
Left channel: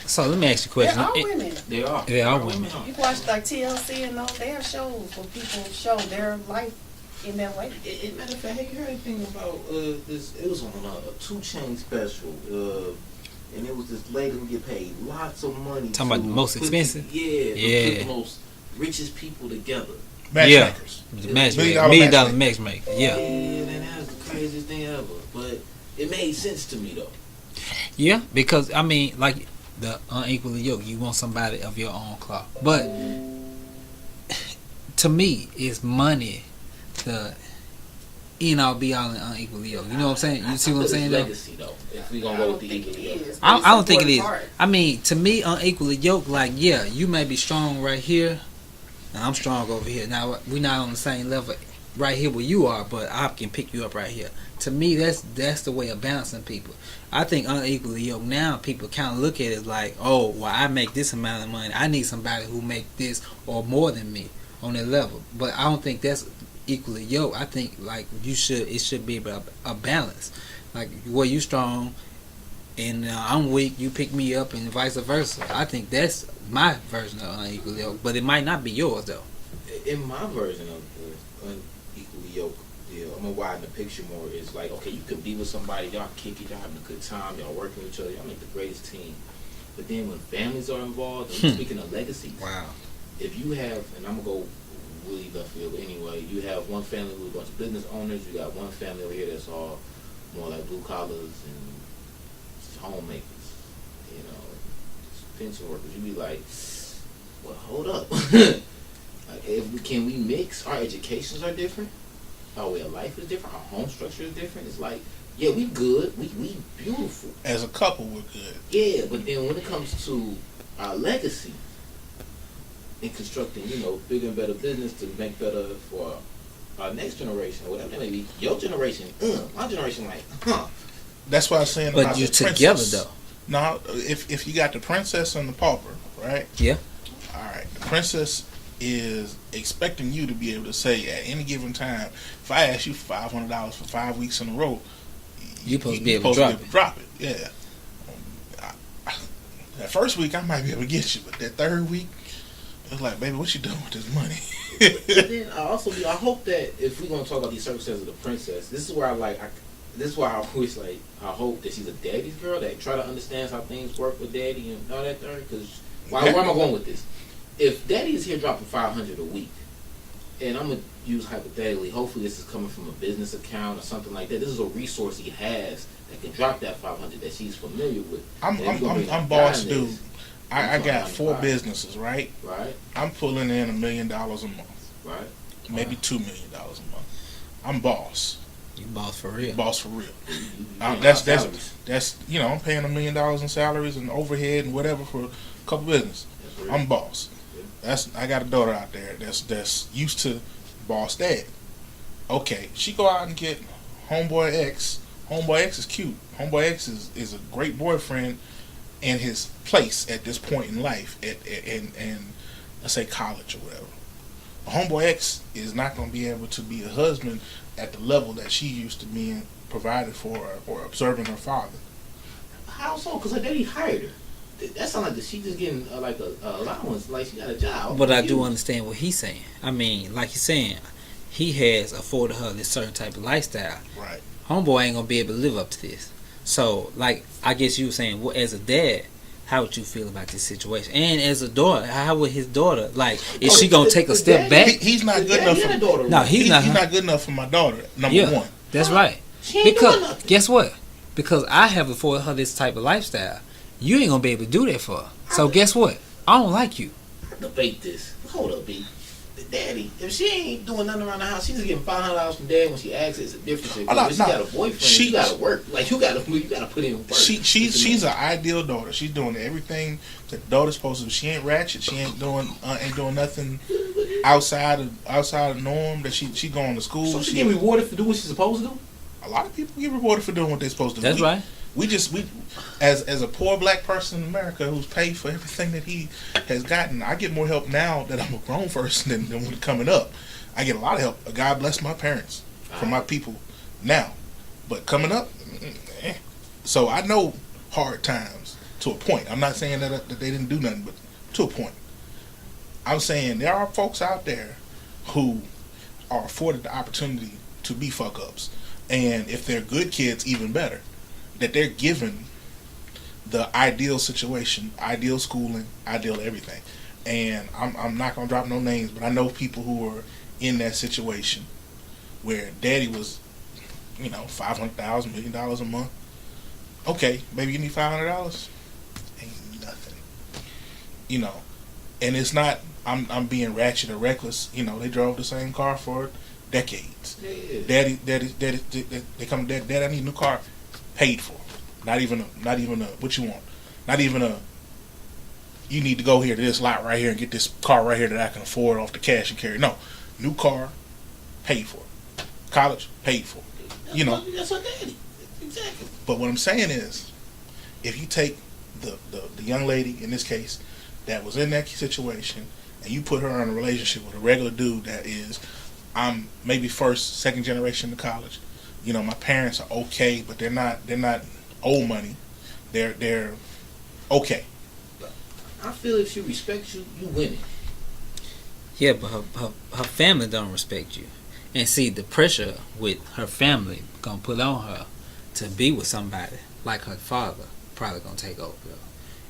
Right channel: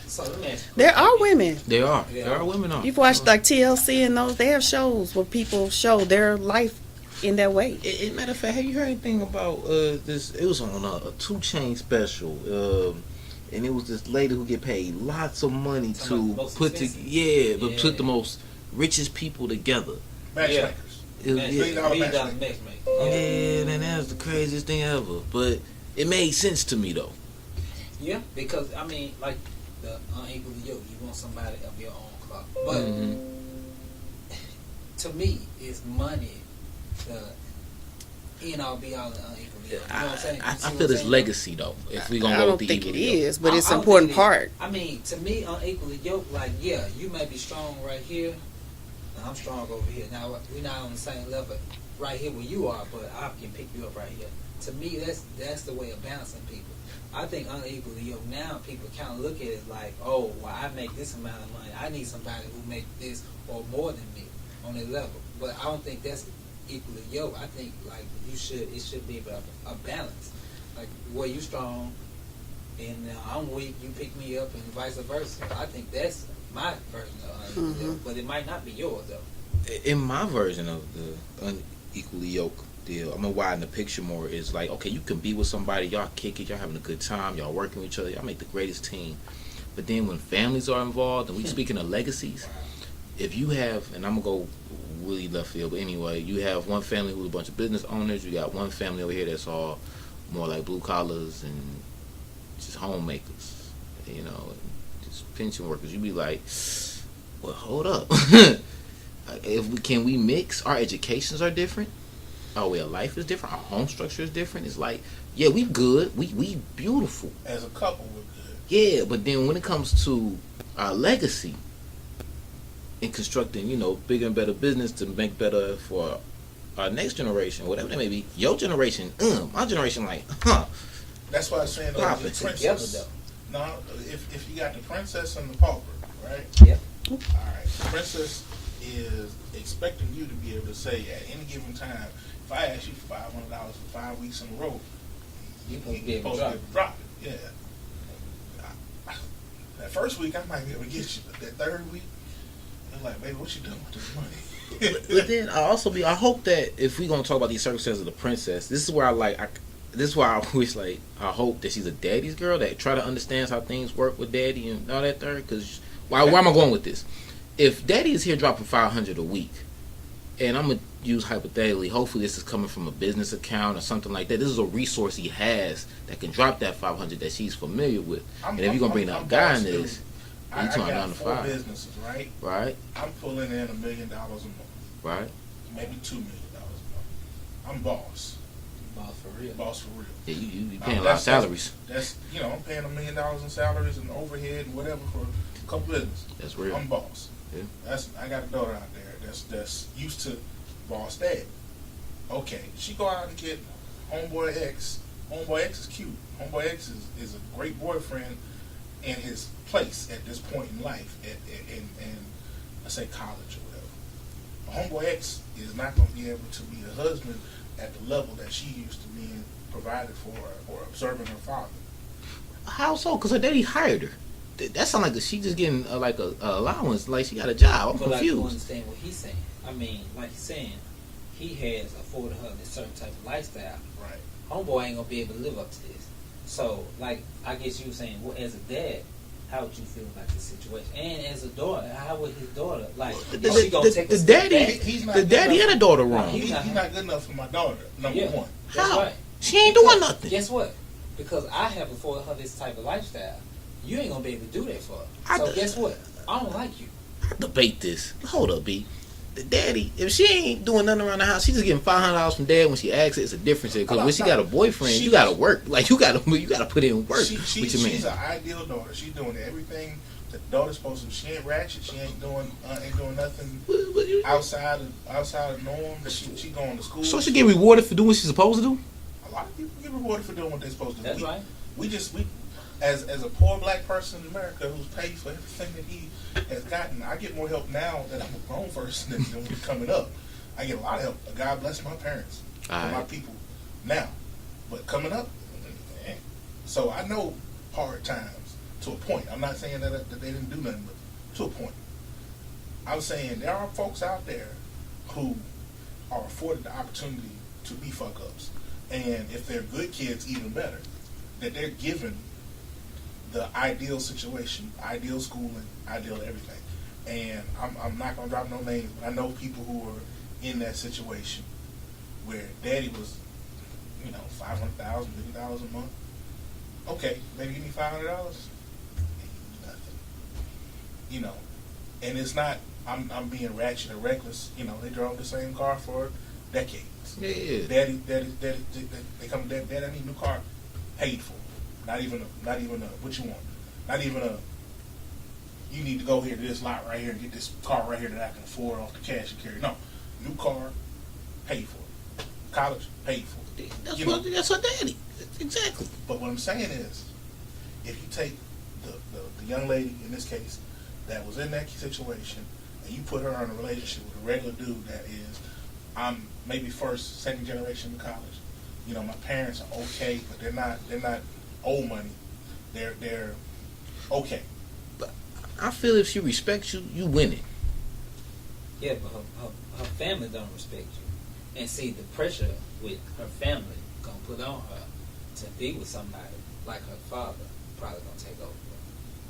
So let me ask you a There question. are women. There are. There are women women. on. You can watch like TLC and those. They have shows where people show their life in that way. Matter of fact, have you heard anything about this? It was on a 2 Chainz special, and it was this lady who get paid lots of money Talking to about the most put expensive? put the most richest people together. Matchmakers. Matchmaker. $1 $1 million matchmaker. Yeah. And that was the craziest thing ever. But it made sense to me though. Yeah, because I mean, like the unequally yoked, you want somebody of your own cloth. But to me, it's money the end all be all and unequally yoked. You know what I'm saying? You see what I'm saying? It's legacy though. If we gonna I go don't with the think it equal yoke. is, but it's I an don't think it important is. part. I mean, to me, unequally yoked, like, yeah, you may be strong right here, and I'm strong over here. Now, we're not on the same level right here where you are, but I can pick you up right here. To me, that's the way of balancing people. I think unequally yoked now, people kind of look at it like, oh, well, I make this amount of money. I need somebody who make this or more than me on that level. But I don't think that's equally yoked. I think, like, it should be a balance. Like, where you strong and I'm weak, you pick me up, and vice versa. I think that's my version of unequally yoked, but it might not be yours though. In my version of the unequally yoked deal, I'm gonna widen the picture more. Is like, okay, you can be with somebody, y'all kick it, y'all having a good time, y'all working with each other, y'all make the greatest team. But then when families are involved, and we're speaking of legacies, Wow. if you have, and I'm gonna go really left field, but anyway, you have one family with a bunch of business owners, you got one family over here that's all more like blue collars and just homemakers, you know, just pension workers. You be like, well, hold up. Can we mix? Our educations are different. Our way of life is different. Our home structure is different. It's like, yeah, we good. We beautiful. As a couple, we're good. Yeah, but then when it comes to our legacy and constructing, you know, bigger and better business to make better for our next generation, whatever that may be, your generation, my generation, like, That's why I'm saying But about you the together princess. though. No, if you got the princess and the pauper, right? Yeah. All right. The princess is expecting you to be able to say at any given time, if I ask you for $500 for 5 weeks in a row, You supposed to be able to drop it. Yeah. That first week I might be able to get you, but that third week, it's like, baby, what you doing with this money? But then I hope that if we're gonna talk about these circumstances of the princess, this is where this is why I always like, I hope that she's a daddy's girl that try to understand how things work with daddy and all that there. Because why am I going with this? If daddy is here dropping $500 a week, and I'm gonna use hypothetically, hopefully this is coming from a business account or something like that. This is a resource he has that can drop that $500 that she's familiar with. I'm boss dude. I got 4 businesses, right? Right. I'm pulling in $1 million a month, Right. maybe $2 million a month. I'm boss. You boss for real. Boss for real. You paying That's salaries. I'm paying $1 million in salaries and overhead and whatever for a couple businesses. That's real. I'm boss. Yeah. I got a daughter out there that's used to boss dad. Okay, she go out and get homeboy X. Homeboy X is cute. Homeboy X is a great boyfriend in his place at this point in life, and let's say college or whatever. Homeboy X is not going to be able to be a husband at the level that she used to being provided for or observing her father. How so? Because her daddy hired her. That sounds like she just getting like a allowance, like she got a job. But I do understand what he's saying. I mean, like he's saying, he has afforded her this certain type of lifestyle. Right. Homeboy ain't gonna be able to live up to this. So, like, I guess you were saying, well, as a dad, how would you feel about this situation? And as a daughter, how would his daughter, like, is she gonna take a step back? He's not The good daddy enough. had a daughter. No, wrong. he's He's not. not good enough for my daughter. Number Yeah. one. That's How? right. She ain't doing nothing. Guess what? Because I have afforded her this type of lifestyle, you ain't gonna be able to do that for her. So guess what? I don't like you. I debate this. Hold up, B. The daddy, if she ain't doing nothing around the house, she's just getting $500 from dad when she asks it. It's a difference. Because when she got a boyfriend, you gotta work. Like you gotta put in work. She's an ideal daughter. She's doing everything that the daughter's supposed to do. She ain't ratchet. She ain't doing nothing outside of norm. That she going to school. So she get rewarded for doing what she's supposed to do. A lot of people get rewarded for doing what they're supposed to do. That's right. We as a poor black person in America who's paid for everything that he has gotten, I get more help now that I'm a grown person than when coming up. I get a lot of help. God bless my parents for my people now. But coming up, so I know hard times to a point. I'm not saying that they didn't do nothing, but to a point. I'm saying there are folks out there who are afforded the opportunity to be fuck ups. And if they're good kids, even better. That they're given the ideal situation, ideal schooling, ideal everything. And I'm not going to drop no names, but I know people who are in that situation where daddy was, $500,000, $1 million a month. Okay, maybe you need $500. Ain't nothing. And it's not, I'm being ratchet or reckless. They drove the same car for decades. Yeah. Daddy, they come to dad, I need a new car. Paid for. Not even a what you want. Not even a you need to go here to this lot right here and get this car right here that I can afford off the cash and carry. No. New car, paid for. College, paid for. That's her daddy. Exactly. But what I'm saying is, if you take the young lady in this case that was in that situation and you put her in a relationship with a regular dude that is maybe first, second generation to college. My parents are okay, but they're not old money. They're okay. I feel if she respects you, you winning. Yeah, but her family don't respect you. And see, the pressure with her family gonna put on her to be with somebody like her father probably gonna take over.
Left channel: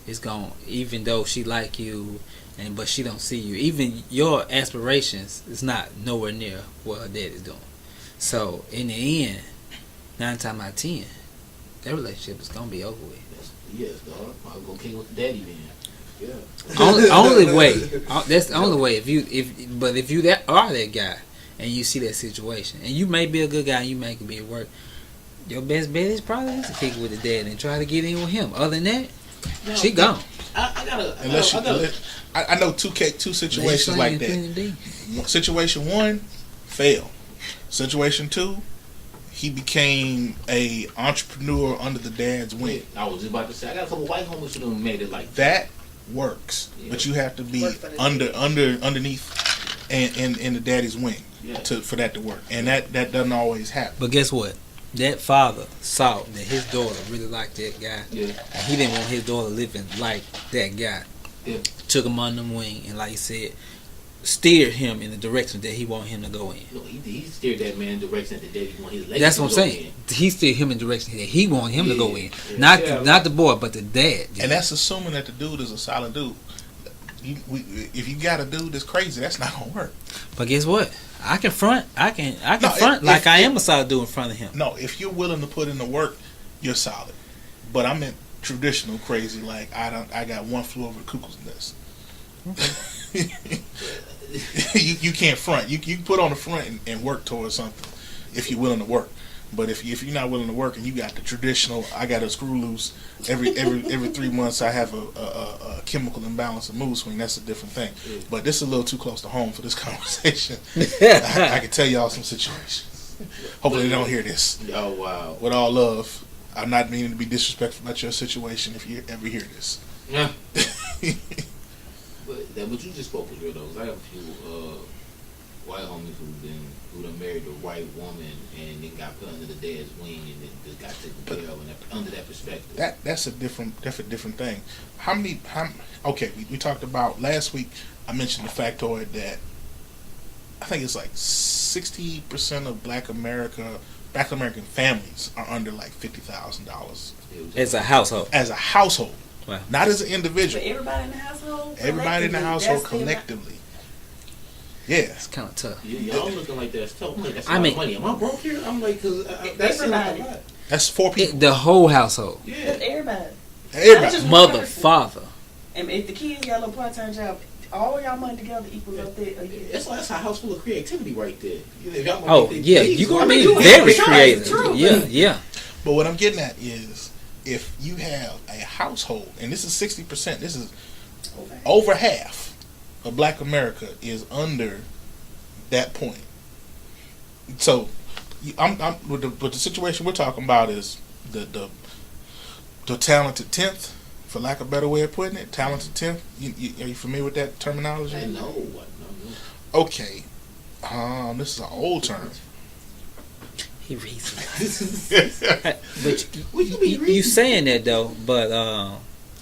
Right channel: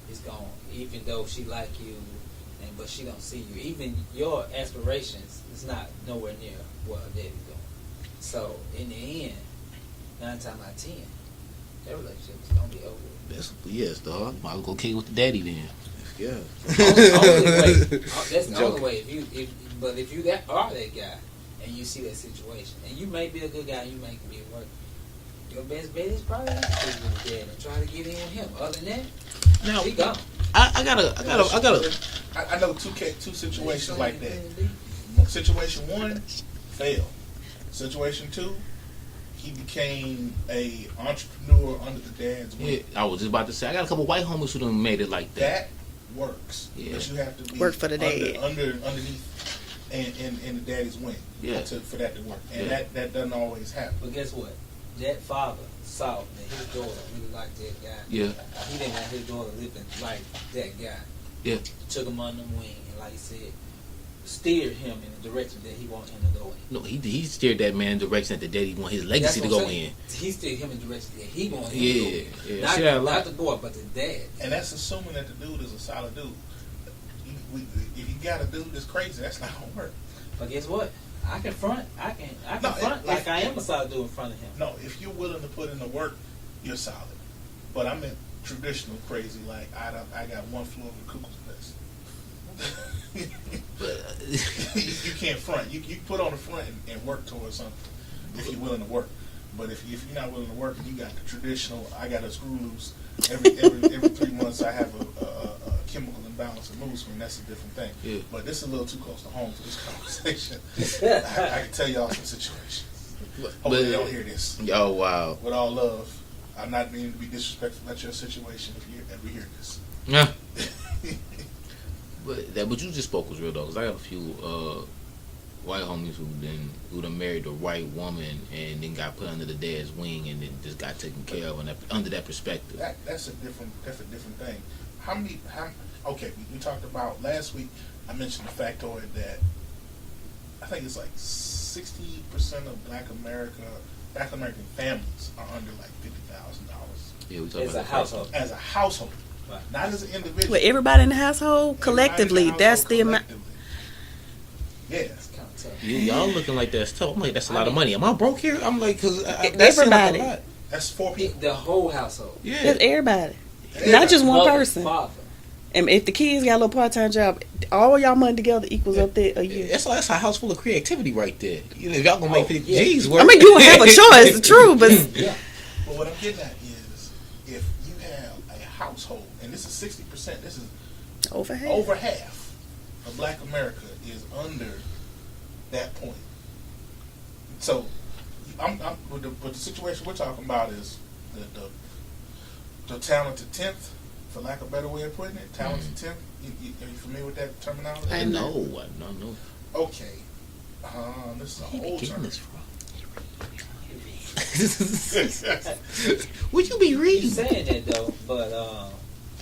It's gonna, even though she like you, but she don't see you. Even your aspirations is not nowhere near what her dad is doing. So in the end, 9 times out of 10, that relationship is gonna be over with. Yes, dog. I'll go kick it with the daddy then. Yeah. only way. That's the only way. If you are that guy and you see that situation, and you may be a good guy, and you may be at work, your best bet is probably to kick it with the dad and try to get in with him. Other than that, Now, she gone. I know two situations like that. Situation 1, fail. Situation 2, he became a entrepreneur under the dad's wing. I was just about to say, I got a couple white homies who done made it like that. Works, yeah. But you have to be Work for the underneath and in the daddy's wing for that to work, and that doesn't always happen. But guess what? That father saw that his daughter really liked that guy. Yeah. And he didn't want his daughter living like that guy. Yeah. Took him under the wing and, like he said, steered him in the direction that he wanted him to go in. No, he steered that man in the direction that daddy want his legacy That's what to I'm go saying. in. He steered him in the direction that he wanted him to go in. Yeah. Not the boy, but the dad. And that's assuming that the dude is a solid dude. If you got a dude that's crazy, that's not gonna work. But guess what? I can front. I can No, front like I am a solid dude in front of him. No, if you're willing to put in the work, you're solid. But I'm in traditional crazy. Like I got one flew over the cuckoo's nest. you can't front. You can put on the front and work towards something if you're willing to work. But if you're not willing to work and you got the traditional, I got a screw loose every 3 months. I have a chemical imbalance of mood swing. That's a different thing. Yeah. But this is a little too close to home for this conversation. I can tell y'all some situations. Hopefully they don't hear this. Oh wow! With all love, I'm not meaning to be disrespectful at your situation if you ever hear this. Yeah. But what you just spoke was real though, 'cause I have a few white homies who done married a white woman and then got put under the dad's wing and then just got taken care of, and under that perspective. That's a different thing. Okay, we talked about last week. I mentioned the factoid that I think it's like 60% of Black American families are under like $50,000 As a household. As a household, wow. Not as an individual. But everybody in the household collectively, that's the amount. Yeah, it's kind of tough. Y'all looking like that's tough. I'm like, that's a lot of money. Am I broke here? I'm like, because everybody. That's 4 people. The whole household. Yeah, That's everybody. Not just one Mother, person. father. And if the kids got a little part-time job, all y'all money together equals up there a year. That's a house full of creativity right there. If y'all gonna make yeah. I mean, you have a choice. It's true, but yeah. But what I'm getting at is, if you have a household, and this is 60%, this is over half of Black America is under that point. So, but the situation we're talking about is the talented 10th, for lack of a better way of putting it. Talented 10th. Are you familiar with that terminology? I know. Okay. This is an old term. He reads. Would you be reading? You saying that though, but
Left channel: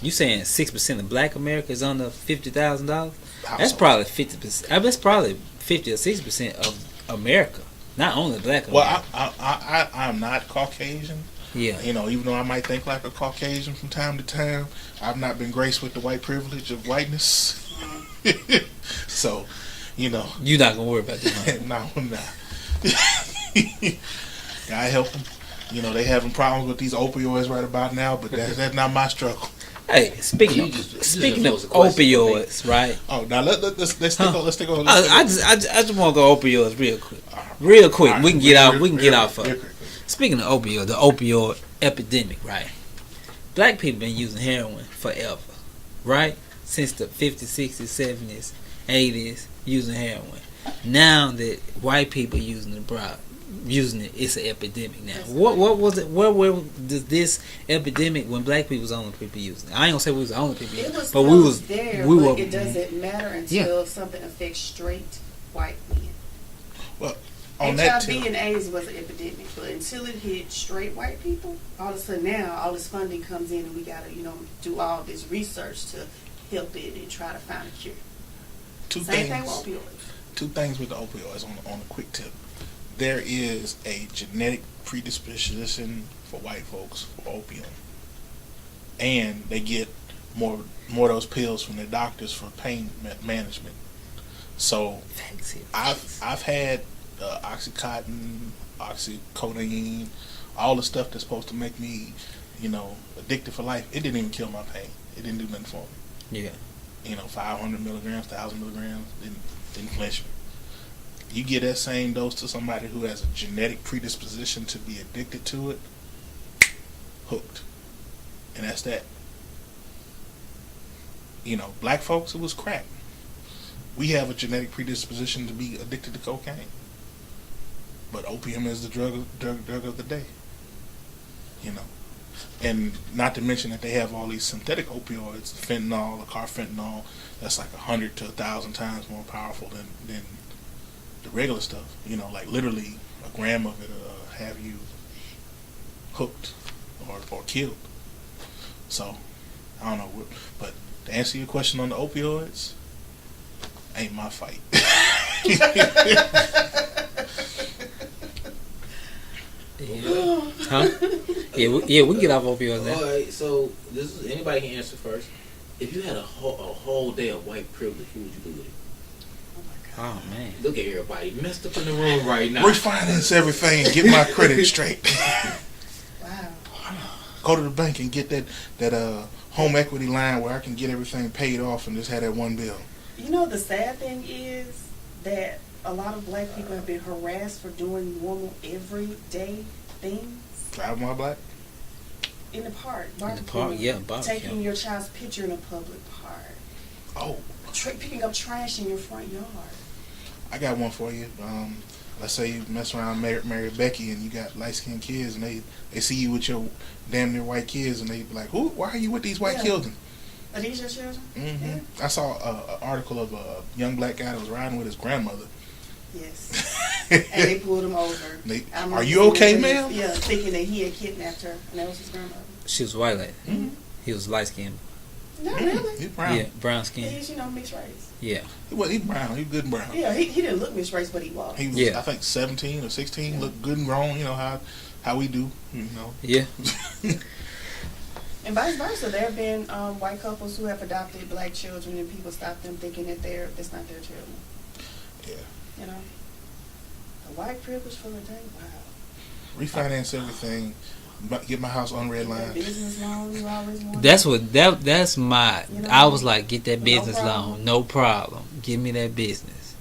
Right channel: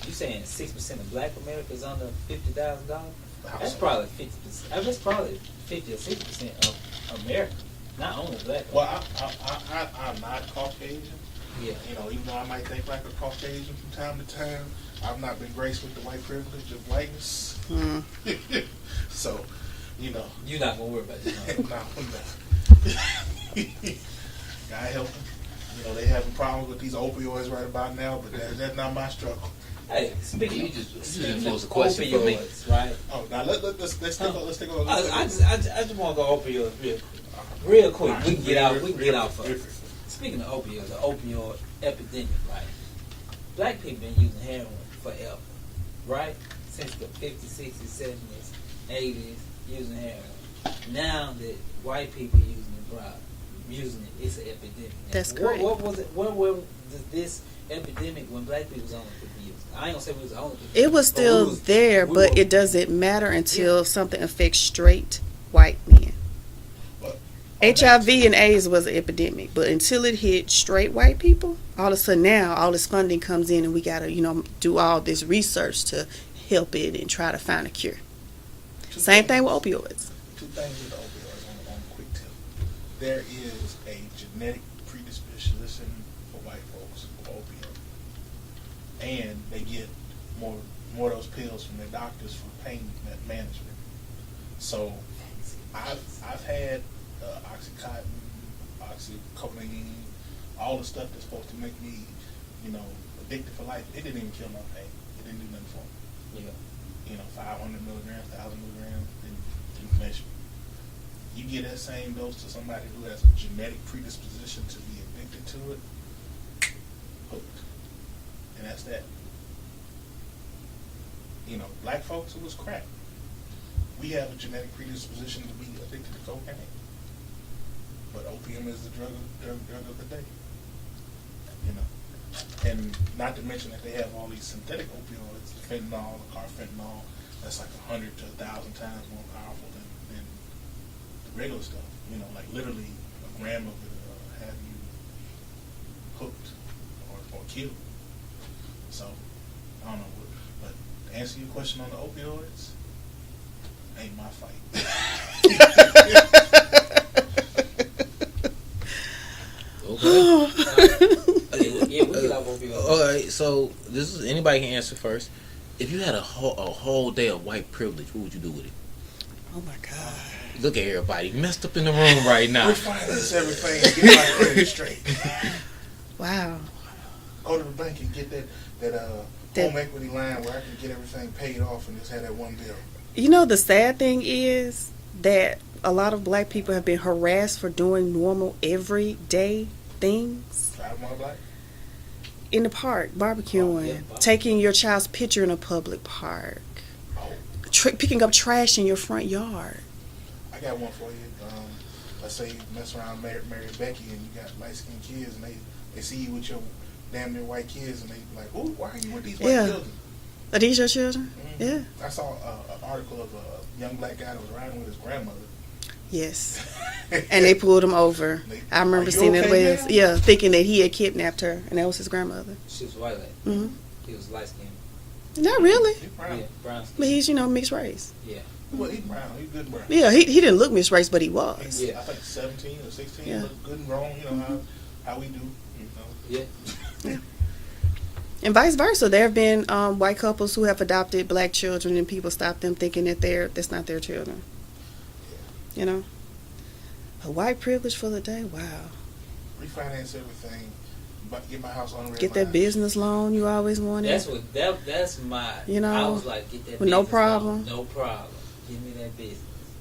you saying 6% of Black America is under $50,000? That's probably 50%. That's probably 50 or 60% of America, not only Black America. Well, I'm not Caucasian. Yeah. Even though I might think like a Caucasian from time to time, I've not been graced with the white privilege of whiteness. So, you're not gonna worry about that. No, I'm not. God help them. They having problems with these opioids right about now, but that's not my struggle. Hey, speaking of opioids, right? Oh, now let's take on. I just want to go opioids real quick. Right. We can get out. We can get off of real it. quick. Speaking of opioid, the opioid epidemic, right? Black people been using heroin forever, right? Since the 50s, 60s, 70s, 80s, using heroin. Now that white people using it, it's an epidemic now. That's What was it? Where does this epidemic when Black people was the only people using it? I ain't gonna say we was the only people. it was but still there, but it doesn't matter until something affects straight white men. Well, HIV and AIDS was an epidemic, but until it hit straight white people, all of a sudden now all this funding comes in and we gotta, do all this research to help it and try to find a cure. Same thing with opioids. 2 things with the opioids on a quick tip. There is a genetic predisposition for white folks for opium, and they get more of those pills from their doctors for pain management. So I've had Oxycontin, oxycodone, all the stuff that's supposed to make me, addicted for life. It didn't even kill my pain. It didn't do nothing for me. Yeah. 500 milligrams, 1,000 milligrams didn't flinch me. You give that same dose to somebody who has a genetic predisposition to be addicted to it, hooked. And that's that. Black folks, it was crack. We have a genetic predisposition to be addicted to cocaine. But opium is the drug of the day. And not to mention that they have all these synthetic opioids, the fentanyl, the carfentanil, that's like 100 to 1,000 times more powerful than the regular stuff. Like literally a gram of it have you hooked or killed. So, I don't know. But to answer your question on the opioids, ain't my fight. Yeah, we get off opioids. All right, so this is anybody can answer first. If you had a whole day of white privilege, what would you do with it? Oh my God. Oh, man. Look at everybody messed up in the room right now. Refinance everything and get my credit straight. Wow. Go to the bank and get that home equity line where I can get everything paid off and just have that one bill. The sad thing is that a lot of Black people have been harassed for doing normal everyday things. Drive my black? In the park, barbecuing, barbecue. taking your child's picture in a public park, Oh, picking up trash in your front yard. I got one for you. Let's say you mess around, marry Becky, and you got light-skinned kids, and they see you with your damn near white kids, and they be like, "Who? Why are you with these white children?" Are these your children? Mm-hmm. Yeah. I saw an article of a young black guy that was riding with his grandmother, Yes. And they pulled him over. I remember Are you seeing okay, that ma'am? Yeah, thinking that he had kidnapped her, and that was his grandmother. She was white lady. Mm-hmm. He was light skinned. Not really. He brown. Yeah, brown But skin. he's, mixed race. Yeah. He brown. He good brown. Yeah, he didn't look mixed race, but he was. He was, Yeah. I think 17 or 16. Yeah. Looked good and grown. You know how we do. Yeah. And vice versa. There have been white couples who have adopted black children, and people stop them thinking that that's not their children. Yeah. A white privilege for the day. Wow. Refinance everything. Get my house on red Get line. that business loan you always wanted. That's my. You know, I was like, get that with no business problem. loan, no problem. Give me that business.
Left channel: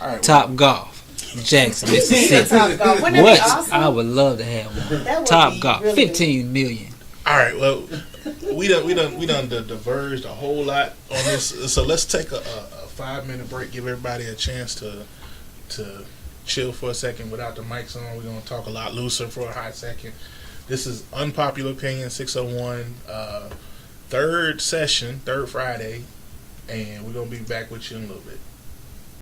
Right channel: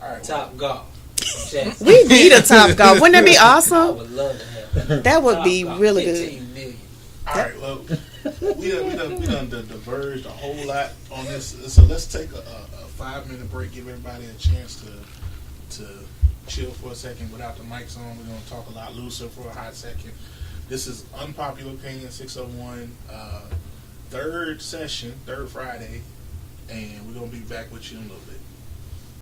All right. Top Golf, Jackson. We need a Top Golf. Wouldn't that be awesome? I would love to have one. That would Top be Golf, really 15 million. All right. Well, we done diverged a whole lot on this. So let's take a 5-minute break. Give everybody a chance to chill for a second without the mics on. We're gonna talk a lot looser for a hot second. This is Unpopular Opinion 601, third session, third Friday, and we're gonna be back with you in a little bit.